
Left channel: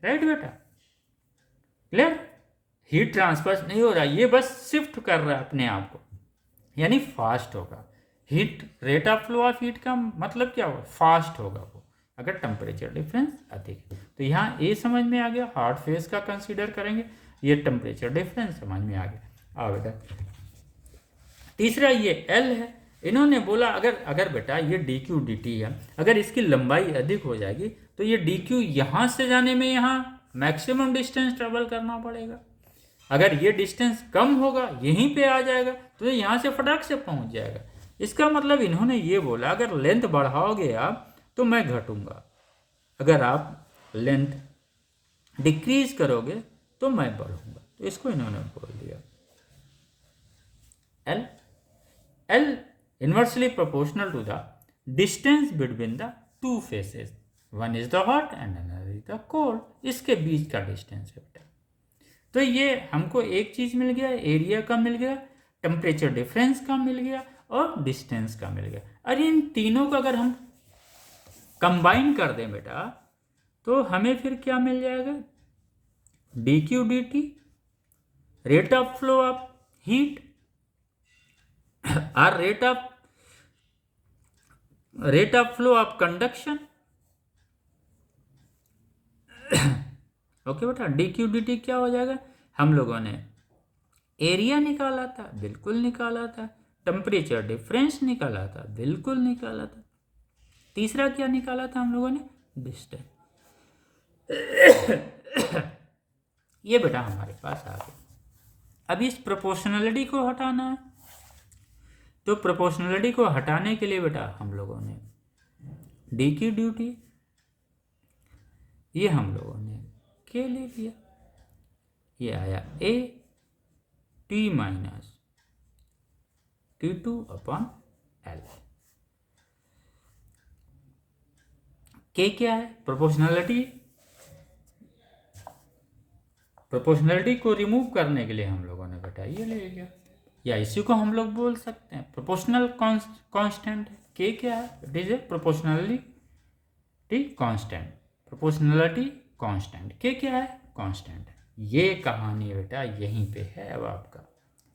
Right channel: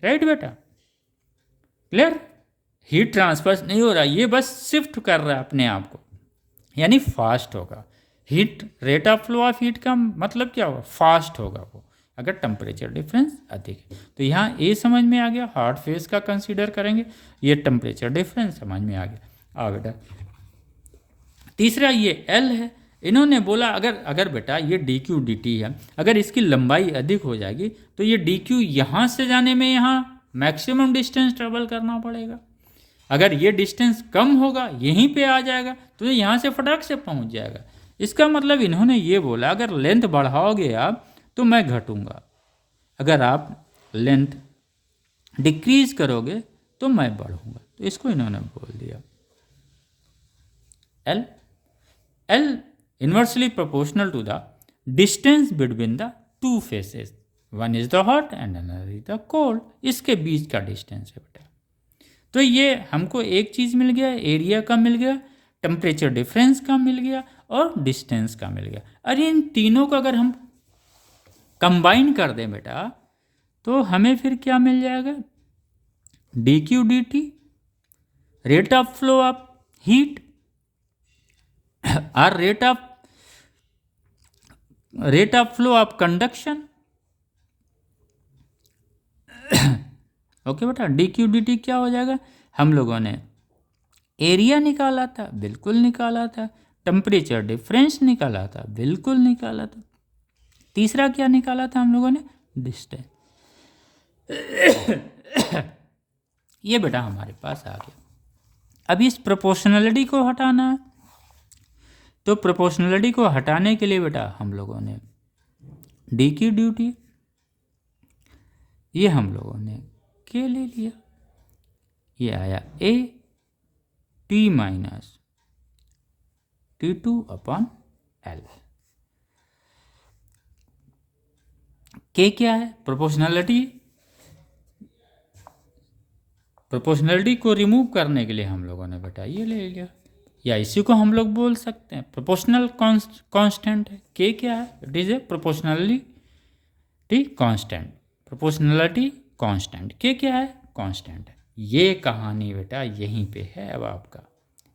राइट बेटा, क्लियर। हीट ट्रांसफर नहीं हो रहा, ये बस शिफ्ट कर रहा है अपने आप को, यानी फास्ट होगा। Heat rate of flow of heat का मतलब क्या होगा, फास्ट होगा वो, अगर टेम्परेचर डिफरेंस अधिक है। तो यहाँ ए समझ में आ गया, हॉट फेज का कंसीडर करेंगे, ये टेम्परेचर डिफरेंस समझ में आ गया। आ बेटा तीसरा ये एल है। इन्होंने बोला अगर बेटा ये डी क्यू डी टी है, अगर इसकी लंबाई अधिक हो जाएगी तो ये डी क्यू यहाँ से जाने में यहाँ मैक्सिमम डिस्टेंस ट्रेवल करना पड़ेगा। अगर ये डिस्टेंस कम होगा, यहीं पे आ जाएगा, तो यहाँ से फटाक से पहुँच जाएगा। इसका मतलब इन्होंने ये बोला अगर लेंथ बढ़ाओगे आप तो मैं घटूंगा, अगर आप लेंथ डिक्रीज करोगे तो मैं बढ़ूंगा। तो इसको इन्होंने बोल दिया L inversely proportional to the distance between the two faces, one is the hot end another is the cold. इसके बीच का डिस्टेंस है बेटा। तो ये हमको एक चीज़ मिल गया, एरिया का मिल गया, टेम्परेचर डिफरेंस का मिल गया और डिस्टेंस का मिल गया। अरे इन तीनों को अगर हम कंबाइन कर दें बेटा तो हमें फिर क्या मिल जाएगा, D Q D T, rate of flow of heat और rate of flow of conduction. Okay बेटा, डी क्यू डी टी क्या हो जाएगा, हम लोगों ने एरिया निकाला था, बिल्कुल निकाला था, टेम्परेचर डिफरेंस निकाला था, बिल्कुल निकाला था, तीसरा क्या निकाला था हम लोगों ने, डिस्टेंस। ये बेटा हमारे पास आ गया। अब इस प्रोपोर्शनलिटी को हटाना है, तो प्रोपोर्शनलिटी को हटाने के लिए बेटा हम लोगों ने डी की ड्यूटी ये हम लोगों ने के ले लिया, ये आया A T minus T two upon L. के क्या है, प्रोपोर्शनलिटी को रिमूव करने के लिए हम लोगों ने बेटा ये ले लिया, या इसी को हम लोग बोल सकते हैं प्रोपोर्शनल कांस्टेंट है। के क्या है, it is a proportionality constant, proportionality constant. के क्या है, कांस्टेंट है। ये कहानी बेटा यहीं पे है। अब आपका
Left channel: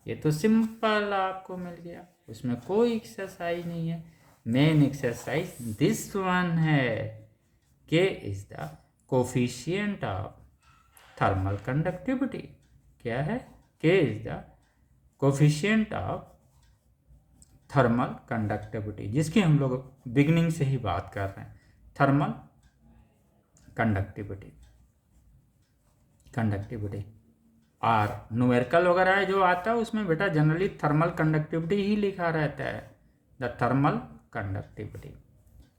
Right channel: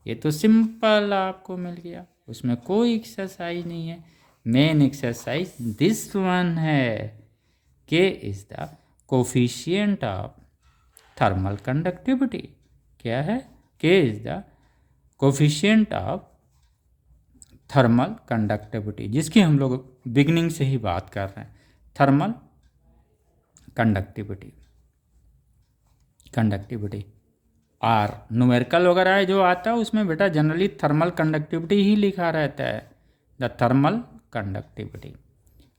ये तो सिंपल आपको मिल गया, उसमें कोई एक्सरसाइज नहीं है। मेन एक्सरसाइज दिस वन है, के is the coefficient of thermal conductivity. क्या है, के is the coefficient of thermal conductivity, जिसकी हम लोग बिगनिंग से ही बात कर रहे हैं, थर्मल कंडक्टिविटी आर न्यूमेरिकल वगैरह जो आता है उसमें बेटा जनरली थर्मल कंडक्टिविटी ही लिखा रहता है, द थर्मल कंडक्टिविटी।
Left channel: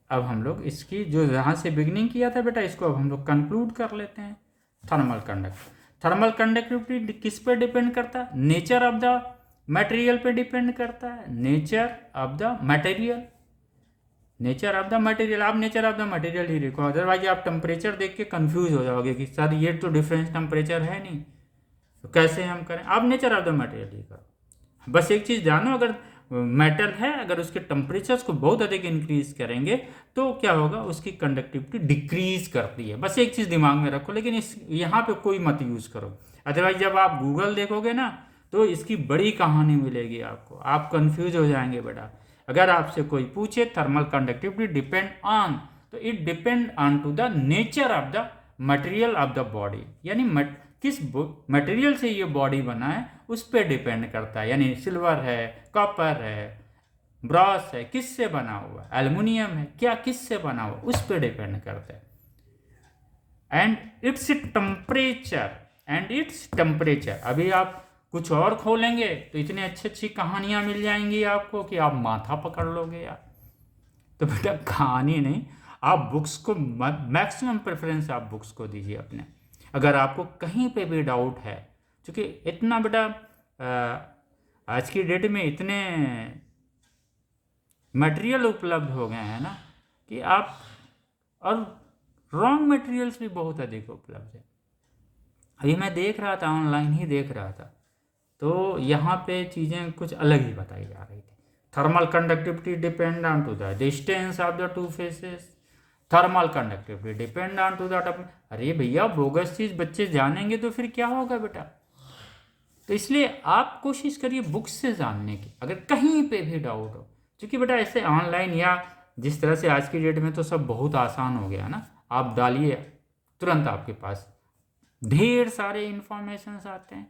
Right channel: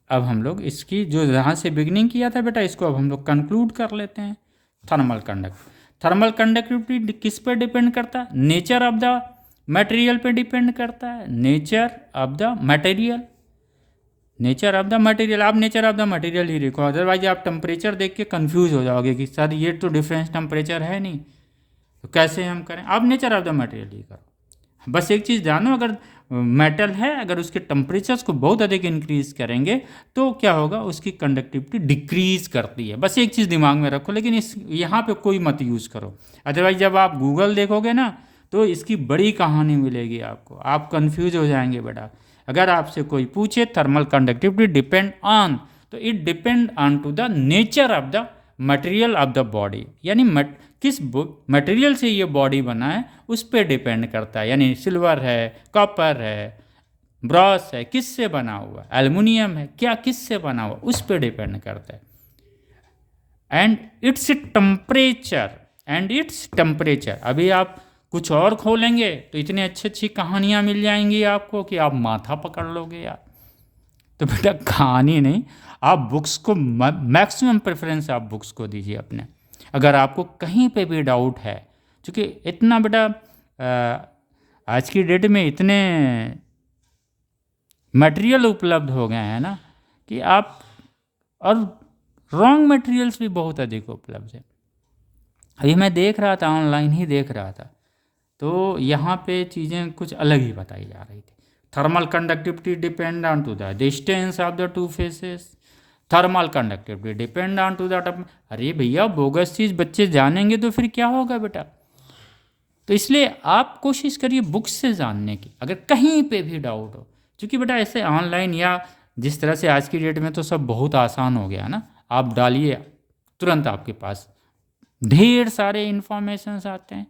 अब हम लोग इसकी जो यहाँ से बिगनिंग किया था बेटा, इसको अब हम लोग कंक्लूड कर लेते हैं। थर्मल कंडक्टिविटी किस पे डिपेंड करता है, नेचर ऑफ द मटेरियल पे डिपेंड करता है, नेचर ऑफ द मटेरियल। आप नेचर ऑफ द मटेरियल ही लिखो, अदरवाइज आप टेम्परेचर देख के कंफ्यूज हो जाओगे कि सर ये तो डिफरेंस टेम्परेचर है नहीं, तो कैसे हम करें। आप नेचर ऑफ द मटेरियल ही करो। बस एक चीज़ जानो, अगर मेटल है, अगर उसके टेम्परेचर्स को बहुत अधिक इंक्रीज करेंगे तो क्या होगा, उसकी कंडक्टिविटी डिक्रीज करती है। बस एक चीज़ दिमाग में रखो, लेकिन इस यहाँ पे कोई मत यूज़ करो, अदरवाइज जब आप गूगल देखोगे ना तो इसकी बड़ी कहानी मिलेगी आपको, आप कंफ्यूज हो जाएंगे बेटा। अगर आपसे कोई पूछे थर्मल कंडक्टिविटी डिपेंड ऑन, तो it depend on to the nature of the material of the body, यानी किस मटेरियल से ये बॉडी बना है उस पर डिपेंड करता है। यानी सिल्वर है, कॉपर है, ब्रॉस है, किस से बना हुआ, एल्युमिनियम है, क्या किस से बना हुआ, उस पर डिपेंड करता है। एंड इट्स टेम्परेचर अभी आप कुछ और खोलेंगे तो इतनी अच्छी अच्छी कहानियाँ मिल जाएंगी आपको कि आप माथा पकड़ लोगे यार। तो बेटा कहानी नहीं, आप बुक्स को मैक्सिमम प्रेफरेंस आप बुक्स को दीजिए अपने। अगर आपको कहीं पे भी डाउट है, क्योंकि इतना बेटा आज की डेट में इतने मटेरियल उपलब्ध हो गए हैं ना कि आप, और रॉन्ग मटेरियल्स भी बहुत अधिक उपलब्ध है। अभी मैं देख रहा था, ऑनलाइन ही देख रहा था, तो यहाँ पे चीज़ें कुछ अलग ही बताई जा रही थी। Thermal conductivity depend on to the distance of the two faces, thermal conductivity depend on to the. अरे भैया बोगस चीज़ बच्चे जानेंगे तो फिर क्या होगा बेटा। तो इसलिए आप कोशिश करिए बुक्स से जानने की, अगर कहीं पे भी डाउट हो, क्योंकि बेटा ऐसे ऑनलाइन या जिस तरह से आज की डेट में तो सब बहुत आसान हो गया ना, आप डालिए तुरंत आपके पास ढेर सारे इन्फॉर्मेशंस आते हैं।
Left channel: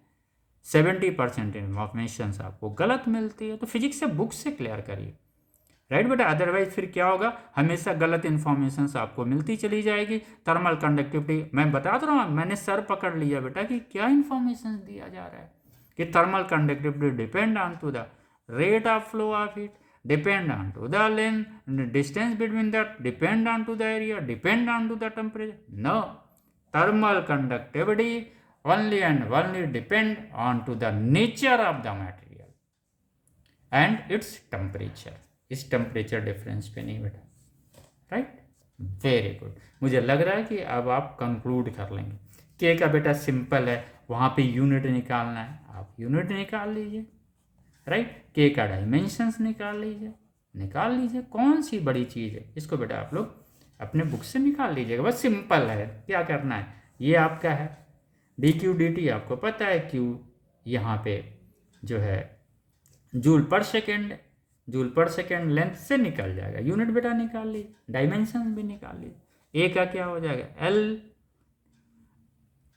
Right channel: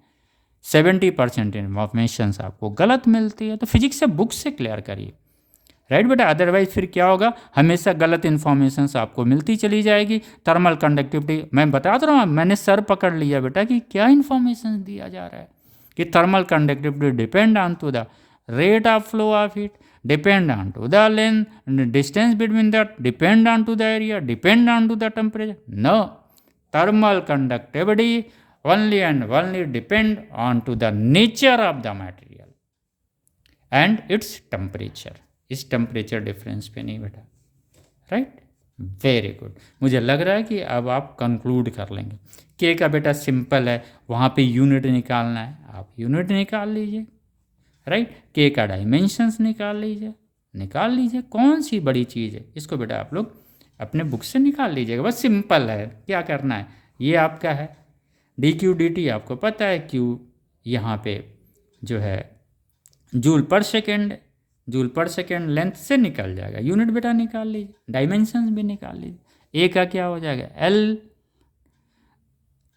70% इन्फॉर्मेशंस आपको गलत मिलती है, तो फिजिक्स से बुक्स से क्लियर करिए, राइट बेटा। अदरवाइज फिर क्या होगा, हमेशा गलत इन्फॉर्मेशंस आपको मिलती चली जाएगी। थर्मल कंडक्टिविटी मैं बता रहा हूँ, मैंने सर पकड़ लिया बेटा कि क्या इन्फॉर्मेशन दिया जा रहा है कि thermal conductivity depend on to the rate of flow of heat, depend on to the length, distance between that, depend on to the area, depend on to the temperature. No, thermal conductivity only and only depend on to the nature of the material and its temperature। इस temperature difference पे नहीं बेटा, right. Very good, मुझे लग रहा है कि अब आप कंक्लूड कर लेंगे। के का बेटा सिंपल है, वहाँ पे यूनिट निकालना है, आप यूनिट निकाल लीजिए, राइट। के का डायमेंशंस निकाल लीजिए, कौन सी बड़ी चीज़ है, इसको बेटा आप लोग अपने बुक से निकाल लीजिएगा, बस सिंपल है। क्या करना है, ये आपका है डी क्यू डी टी, आपको पता है क्यू यहाँ पे जो है जूल पर सेकेंड, जूल पर सेकेंड लेंथ से निकल जाएगा, यूनिट बेटा निकाल लीजिए, डायमेंशंस भी निकाल लीजिए। ए का क्या हो जाएगा, एल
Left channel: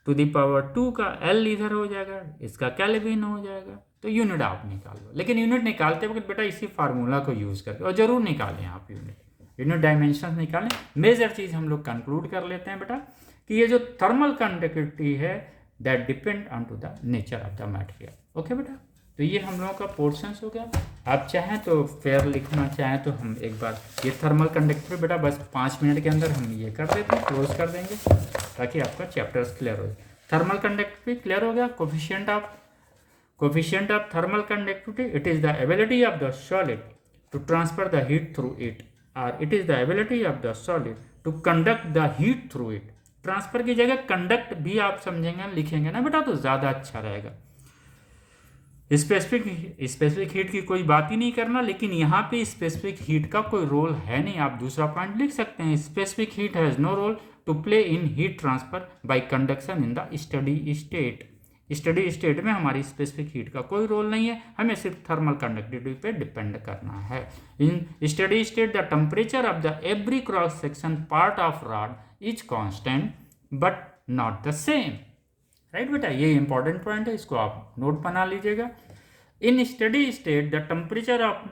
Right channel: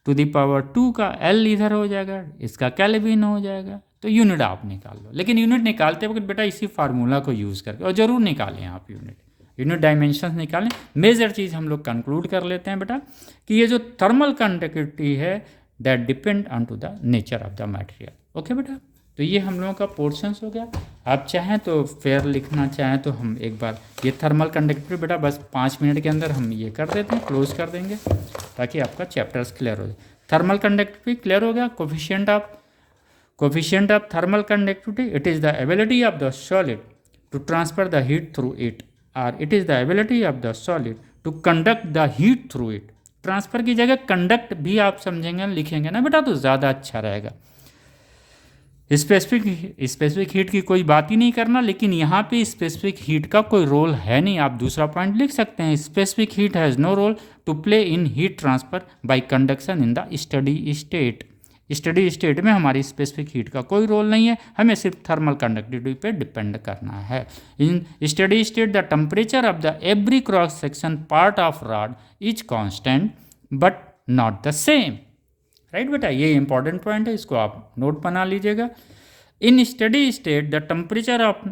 टू द पावर 2 का एल इधर हो जाएगा, इसका केल्विन हो जाएगा, तो यूनिट आप निकाल लो। लेकिन यूनिट निकालते वक्त बेटा इसी फार्मूला को यूज़ करके, और ज़रूर निकालें आप यूनिट डायमेंशंस निकालें। मेजर चीज़ हम लोग कंक्लूड कर लेते हैं बेटा कि ये जो थर्मल कंडक्टिविटी है that depend on to the nature of the material. Okay बेटा, तो ये हम लोगों का पोर्शंस हो गया। आप चाहें तो फेयर लिखना चाहें तो हम एक बार ये थर्मल कंडक्टिविटी बेटा बस 5 मिनट के अंदर हम ये कर देते हैं, क्लोज कर देंगे ताकि आपका चैप्टर्स क्लियर हो जाए। थर्मल कंडक्टिविटी क्लियर हो गया। Coefficient of thermal conductivity, it is the ability of the solid to transfer the heat through it, और it is the ability of the solid to conduct the heat through it. Transfer की जगह conduct भी आप समझेंगे लिखेंगे ना बेटा तो ज़्यादा अच्छा रहेगा। स्पेसिफिक हीट की कोई बात ही नहीं करना, लेकिन यहाँ पे स्पेसिफिक हीट का कोई रोल है नहीं। आप दूसरा पॉइंट लिख सकते हैं, specific heat has no role to play in heat transfer by conduction in the study state. Study state में हमारी स्पेसिफिक हीट का कोई रोल नहीं है, हमें सिर्फ थर्मल कंडक्टिविटी पे डिपेंड करना है। In steady state the temperature of the every cross section part of rod is constant but not the same. Right बेटा, ये इंपॉर्टेंट पॉइंट है, इसको आप नोट बना लीजिएगा। In steady state the temperature of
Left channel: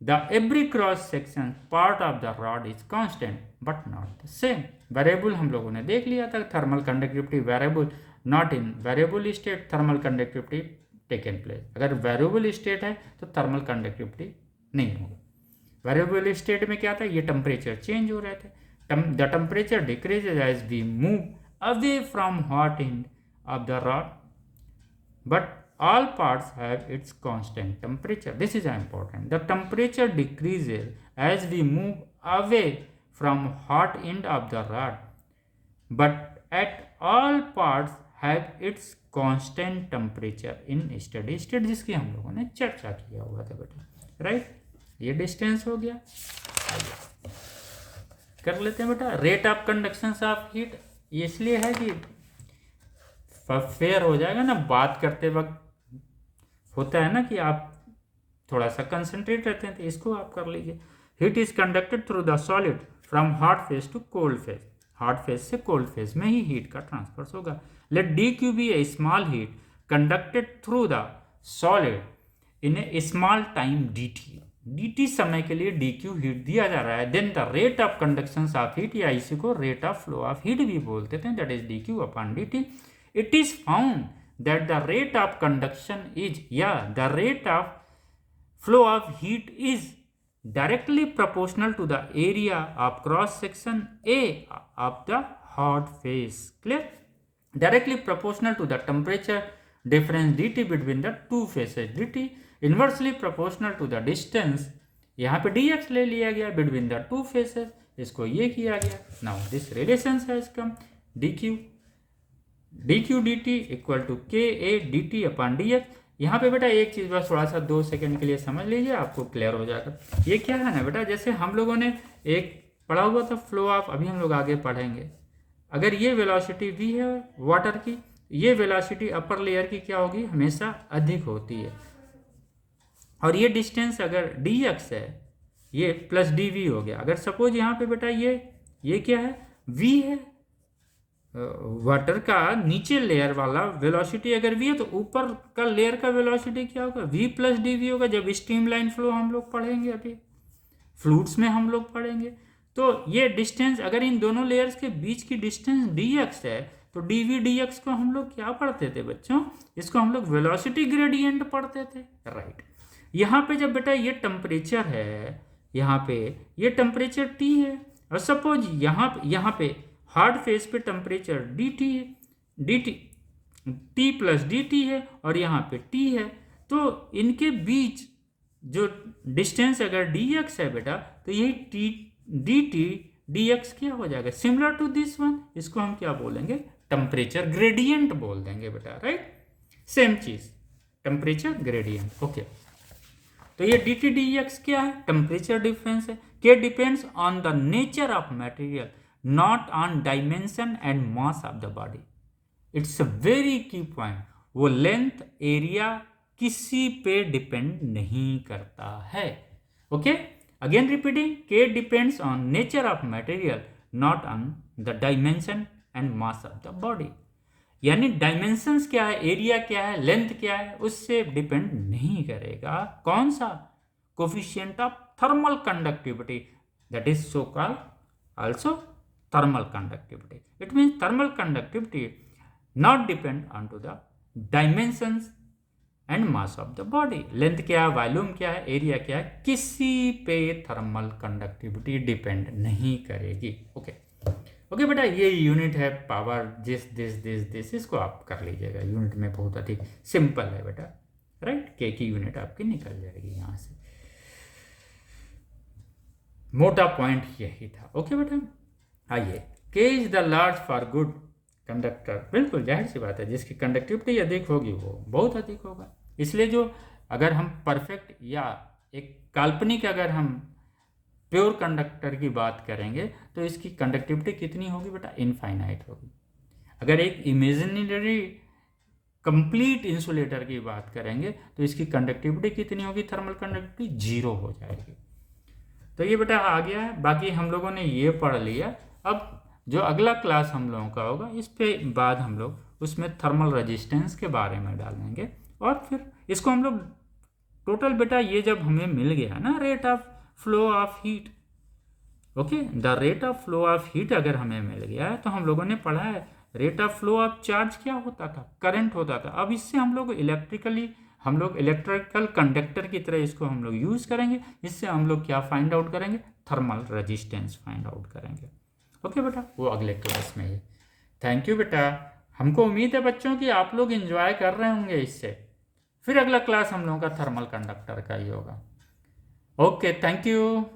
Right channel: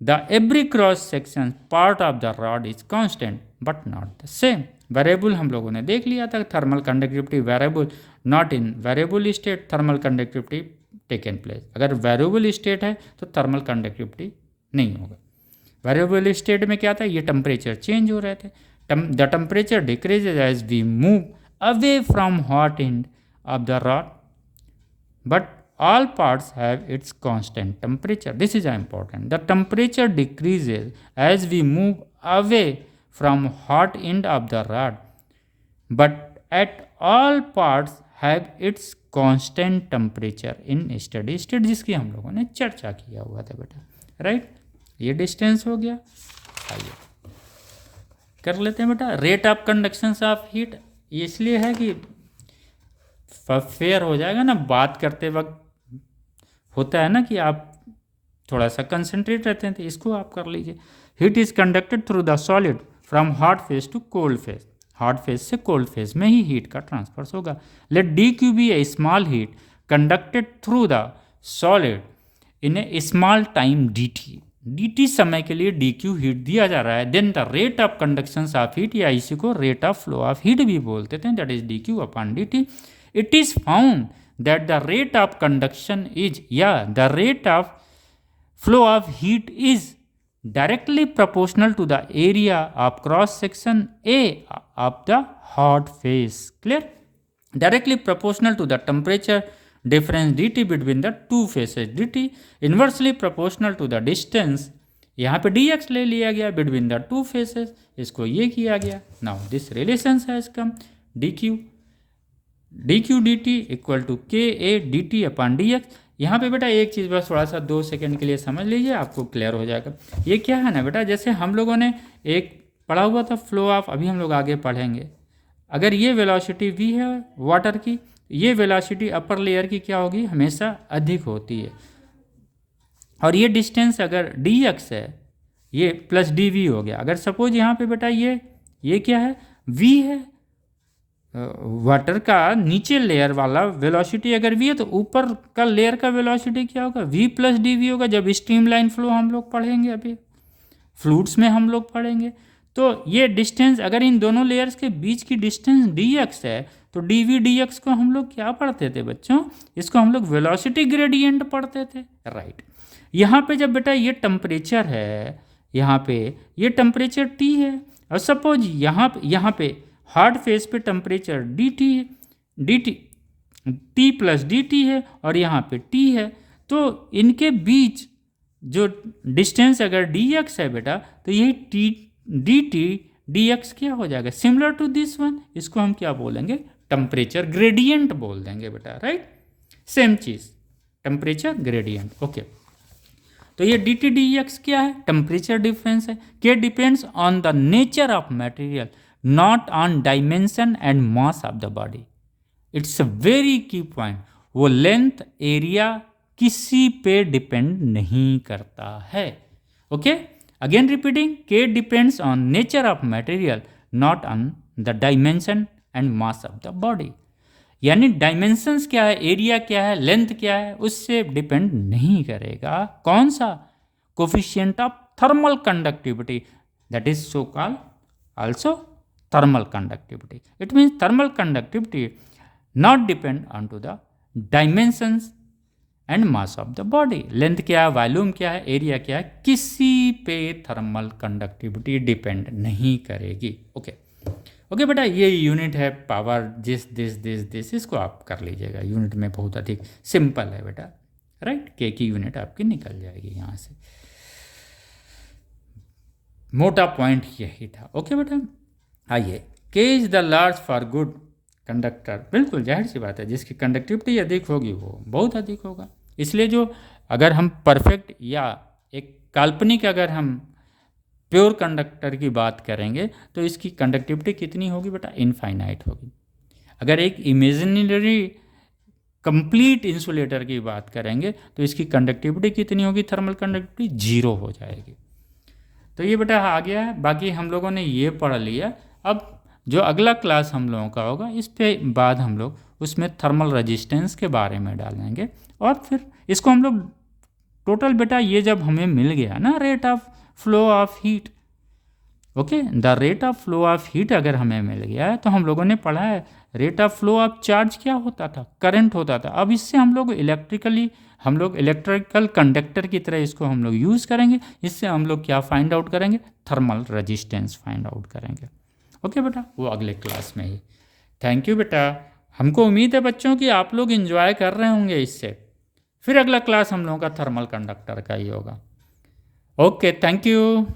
the every cross section part of the rod is constant but not the same. Variable हम लोगों ने देख लिया था, thermal conductivity variable, not in variable state thermal conductivity taken place. अगर variable state है तो thermal conductivity नहीं होगा। वेरिएबल स्टेट में क्या था, ये टेम्परेचर चेंज हो रहे थे। The temperature decreases as we move away from hot end of the rod, but all parts have its constant temperature. This is important. The temperature decreases as we move away from hot end of the rod, but at all parts have its constant temperature in steady state, जिसकी हम लोगों ने चर्चा किया हुआ था बेटा। Right, ये डिस्टेंस हो गया। आइए कर लेते हैं बेटा rate of conduction of heat. ये इसलिए है कि फेयर हो जाएगा ना, बात करते वक्त होता है ना कि आप थोड़ा सा कंसंट्रेट रहते हैं, तो इसको आप कर लीजिए। Heat is conducted through the solid from hot phase to cold phase. Hot phase से कोल्ड फेज में ही हीट का ट्रांसफर होगा। Let d Q be a small heat conducted through the solid in a small time D T. D T समय के लिए D Q heat दिया जा रहा है। Then the rate of conduction of heat, या इसी को rate of flow of heat भी बोलते थे, that is d Q upon d T. It is found that the rate of conduction is, the rate of flow of heat is directly proportional to the area of cross section A of the hot phase. Clear? Directly proportional to the temperature difference dt between the two phases. dt inversely proportional to the distance, यहाँ पे dx ले लिया गया between the two phases, इसको ये किया गया। Now this relation has come dq D T equal to K A D T upon D X. यहाँ पर बेटा एक चीज़ बस थोड़ा सा 2 सेकंड के लिए समझ लीजिए, आपको क्लियर हो जाएगा। ये क्या है ना बेटा, जैसे हम लोगों ने एक पढ़ा हुआ था फ्लो ऑफ, अभी हम लोग आगे पढ़ेंगे। अगर ये वेलोसिटी वी है वाटर की, ये वेलोसिटी अपर लेयर की क्या होगी, हमेशा अधिक होती है। और ये डिस्टेंस अगर डी एक्स है, ये प्लस डी वी हो गया। अगर सपोज यहाँ पे बेटा ये क्या है, वी है, वाटर का नीचे लेयर वाला वेलोसिटी अगर वी है तो ऊपर का लेयर का वेलोसिटी क्या होगा, वी प्लस डी वी होगा। जब स्ट्रीमलाइन फ्लो हम लोग पढ़ेंगे, अभी फ्लूइड्स में हम लोग पढ़ेंगे, तो ये डिस्टेंस अगर इन दोनों लेयर्स के बीच की डिस्टेंस डी एक्स है तो डी वी डी एक्स को हम लोग क्या पढ़ते थे बच्चों, इसको हम लोग वेलोसिटी ग्रेडियंट पढ़ते थे। राइट, यहाँ पे जब बेटा ये टेम्परेचर है, यहाँ पे ये टेम्परेचर टी है, और सपोज यहाँ पे हार्ड फेज पे टेम्परेचर डी टी है, D T plus D T है, और यहाँ पे टी है, तो इनके बीच जो डिस्टेंस अगर डी एक्स है बेटा, तो यही T d T D x क्या हो जाएगा, सिमिलर टू दिस वन। इसको हम क्या बोलेंगे, टेम्परेचर ग्रेडियंट बोल देंगे बेटा। राइट, सेम चीज़ टेम्परेचर ग्रेडियंट। ओके, तो ये डी टी डी एक्स क्या है, टेम्परेचर डिफरेंस है। के depends on the nature of material, not on dimension and mass of the body. It's a very की पॉइंट। वो लेंथ एरिया किसी पे डिपेंड नहीं करता है। ओके, अगेन रिपीटिंग, के depends on nature of material, not on the dimension and mass of the body. यानी dimensions क्या है, एरिया क्या है, लेंथ क्या है, उससे डिपेंड नहीं करेगा। कौन सा, coefficient of thermal conductivity, that is so called also thermal conductivity. It means thermal conductivity not depend on to the dimensions and mass of the body. Length क्या है, वॉल्यूम क्या है, एरिया क्या है, किसी पे थर्मल कंडक्टिविटी डिपेंड नहीं करेगी। ओके ओके बेटा, ये यूनिट है power this this this this, इसको आप कर लीजिएगा। यूनिट में बहुत अधिक सिंपल है बेटा, राइट। के की यूनिट आपकी निकल जाएगी यहाँ से। मोटा पॉइंट यही था। ओके बेटा, आइए, के is the large for good conductor. बिल्कुल जाहिर सी बात है, जिसकी कंडक्टिविटी अधिक होगी वो बहुत अधिक होगा। इसलिए जो अगर हम परफेक्ट या एक काल्पनिक अगर हम प्योर कंडक्टर की बात करेंगे तो इसकी कंडक्टिविटी कितनी होगी बेटा, इनफाइनाइट होगी। अगर एक इमेजिनरी कंप्लीट इंसुलेटर की बात करेंगे तो इसकी कंडक्टिविटी कितनी होगी, थर्मल कंडक्टिविटी 0 हो जाएगी। तो ये बेटा आ गया है। बाकी हम लोगों ने ये पढ़ लिया। अब जो अगला क्लास हम लोगों का होगा, इस पे बाद हम लोग उसमें थर्मल रेजिस्टेंस के बारे में डालेंगे। और फिर इसको हम लोग टोटल बेटा, ये जब हमें मिल गया ना rate of flow of heat, okay, the rate of flow of heat अगर हमें मिल गया है तो हम लोगों ने पढ़ा है rate of flow of charge क्या होता था, करंट होता था। अब इससे हम लोग इलेक्ट्रिकल कंडक्टर की तरह इसको हम लोग यूज़ करेंगे। इससे हम लोग क्या फाइंड आउट करेंगे, थर्मल रेजिस्टेंस फाइंड आउट करेंगे। ओके बेटा, वो अगले क्लास में ही। थैंक यू बेटा, हमको उम्मीद है बच्चों कि आप लोग एंजॉय कर रहे होंगे इससे। फिर अगला क्लास हम लोगों का थर्मल कंडक्टर का ही होगा। Okay, thank you.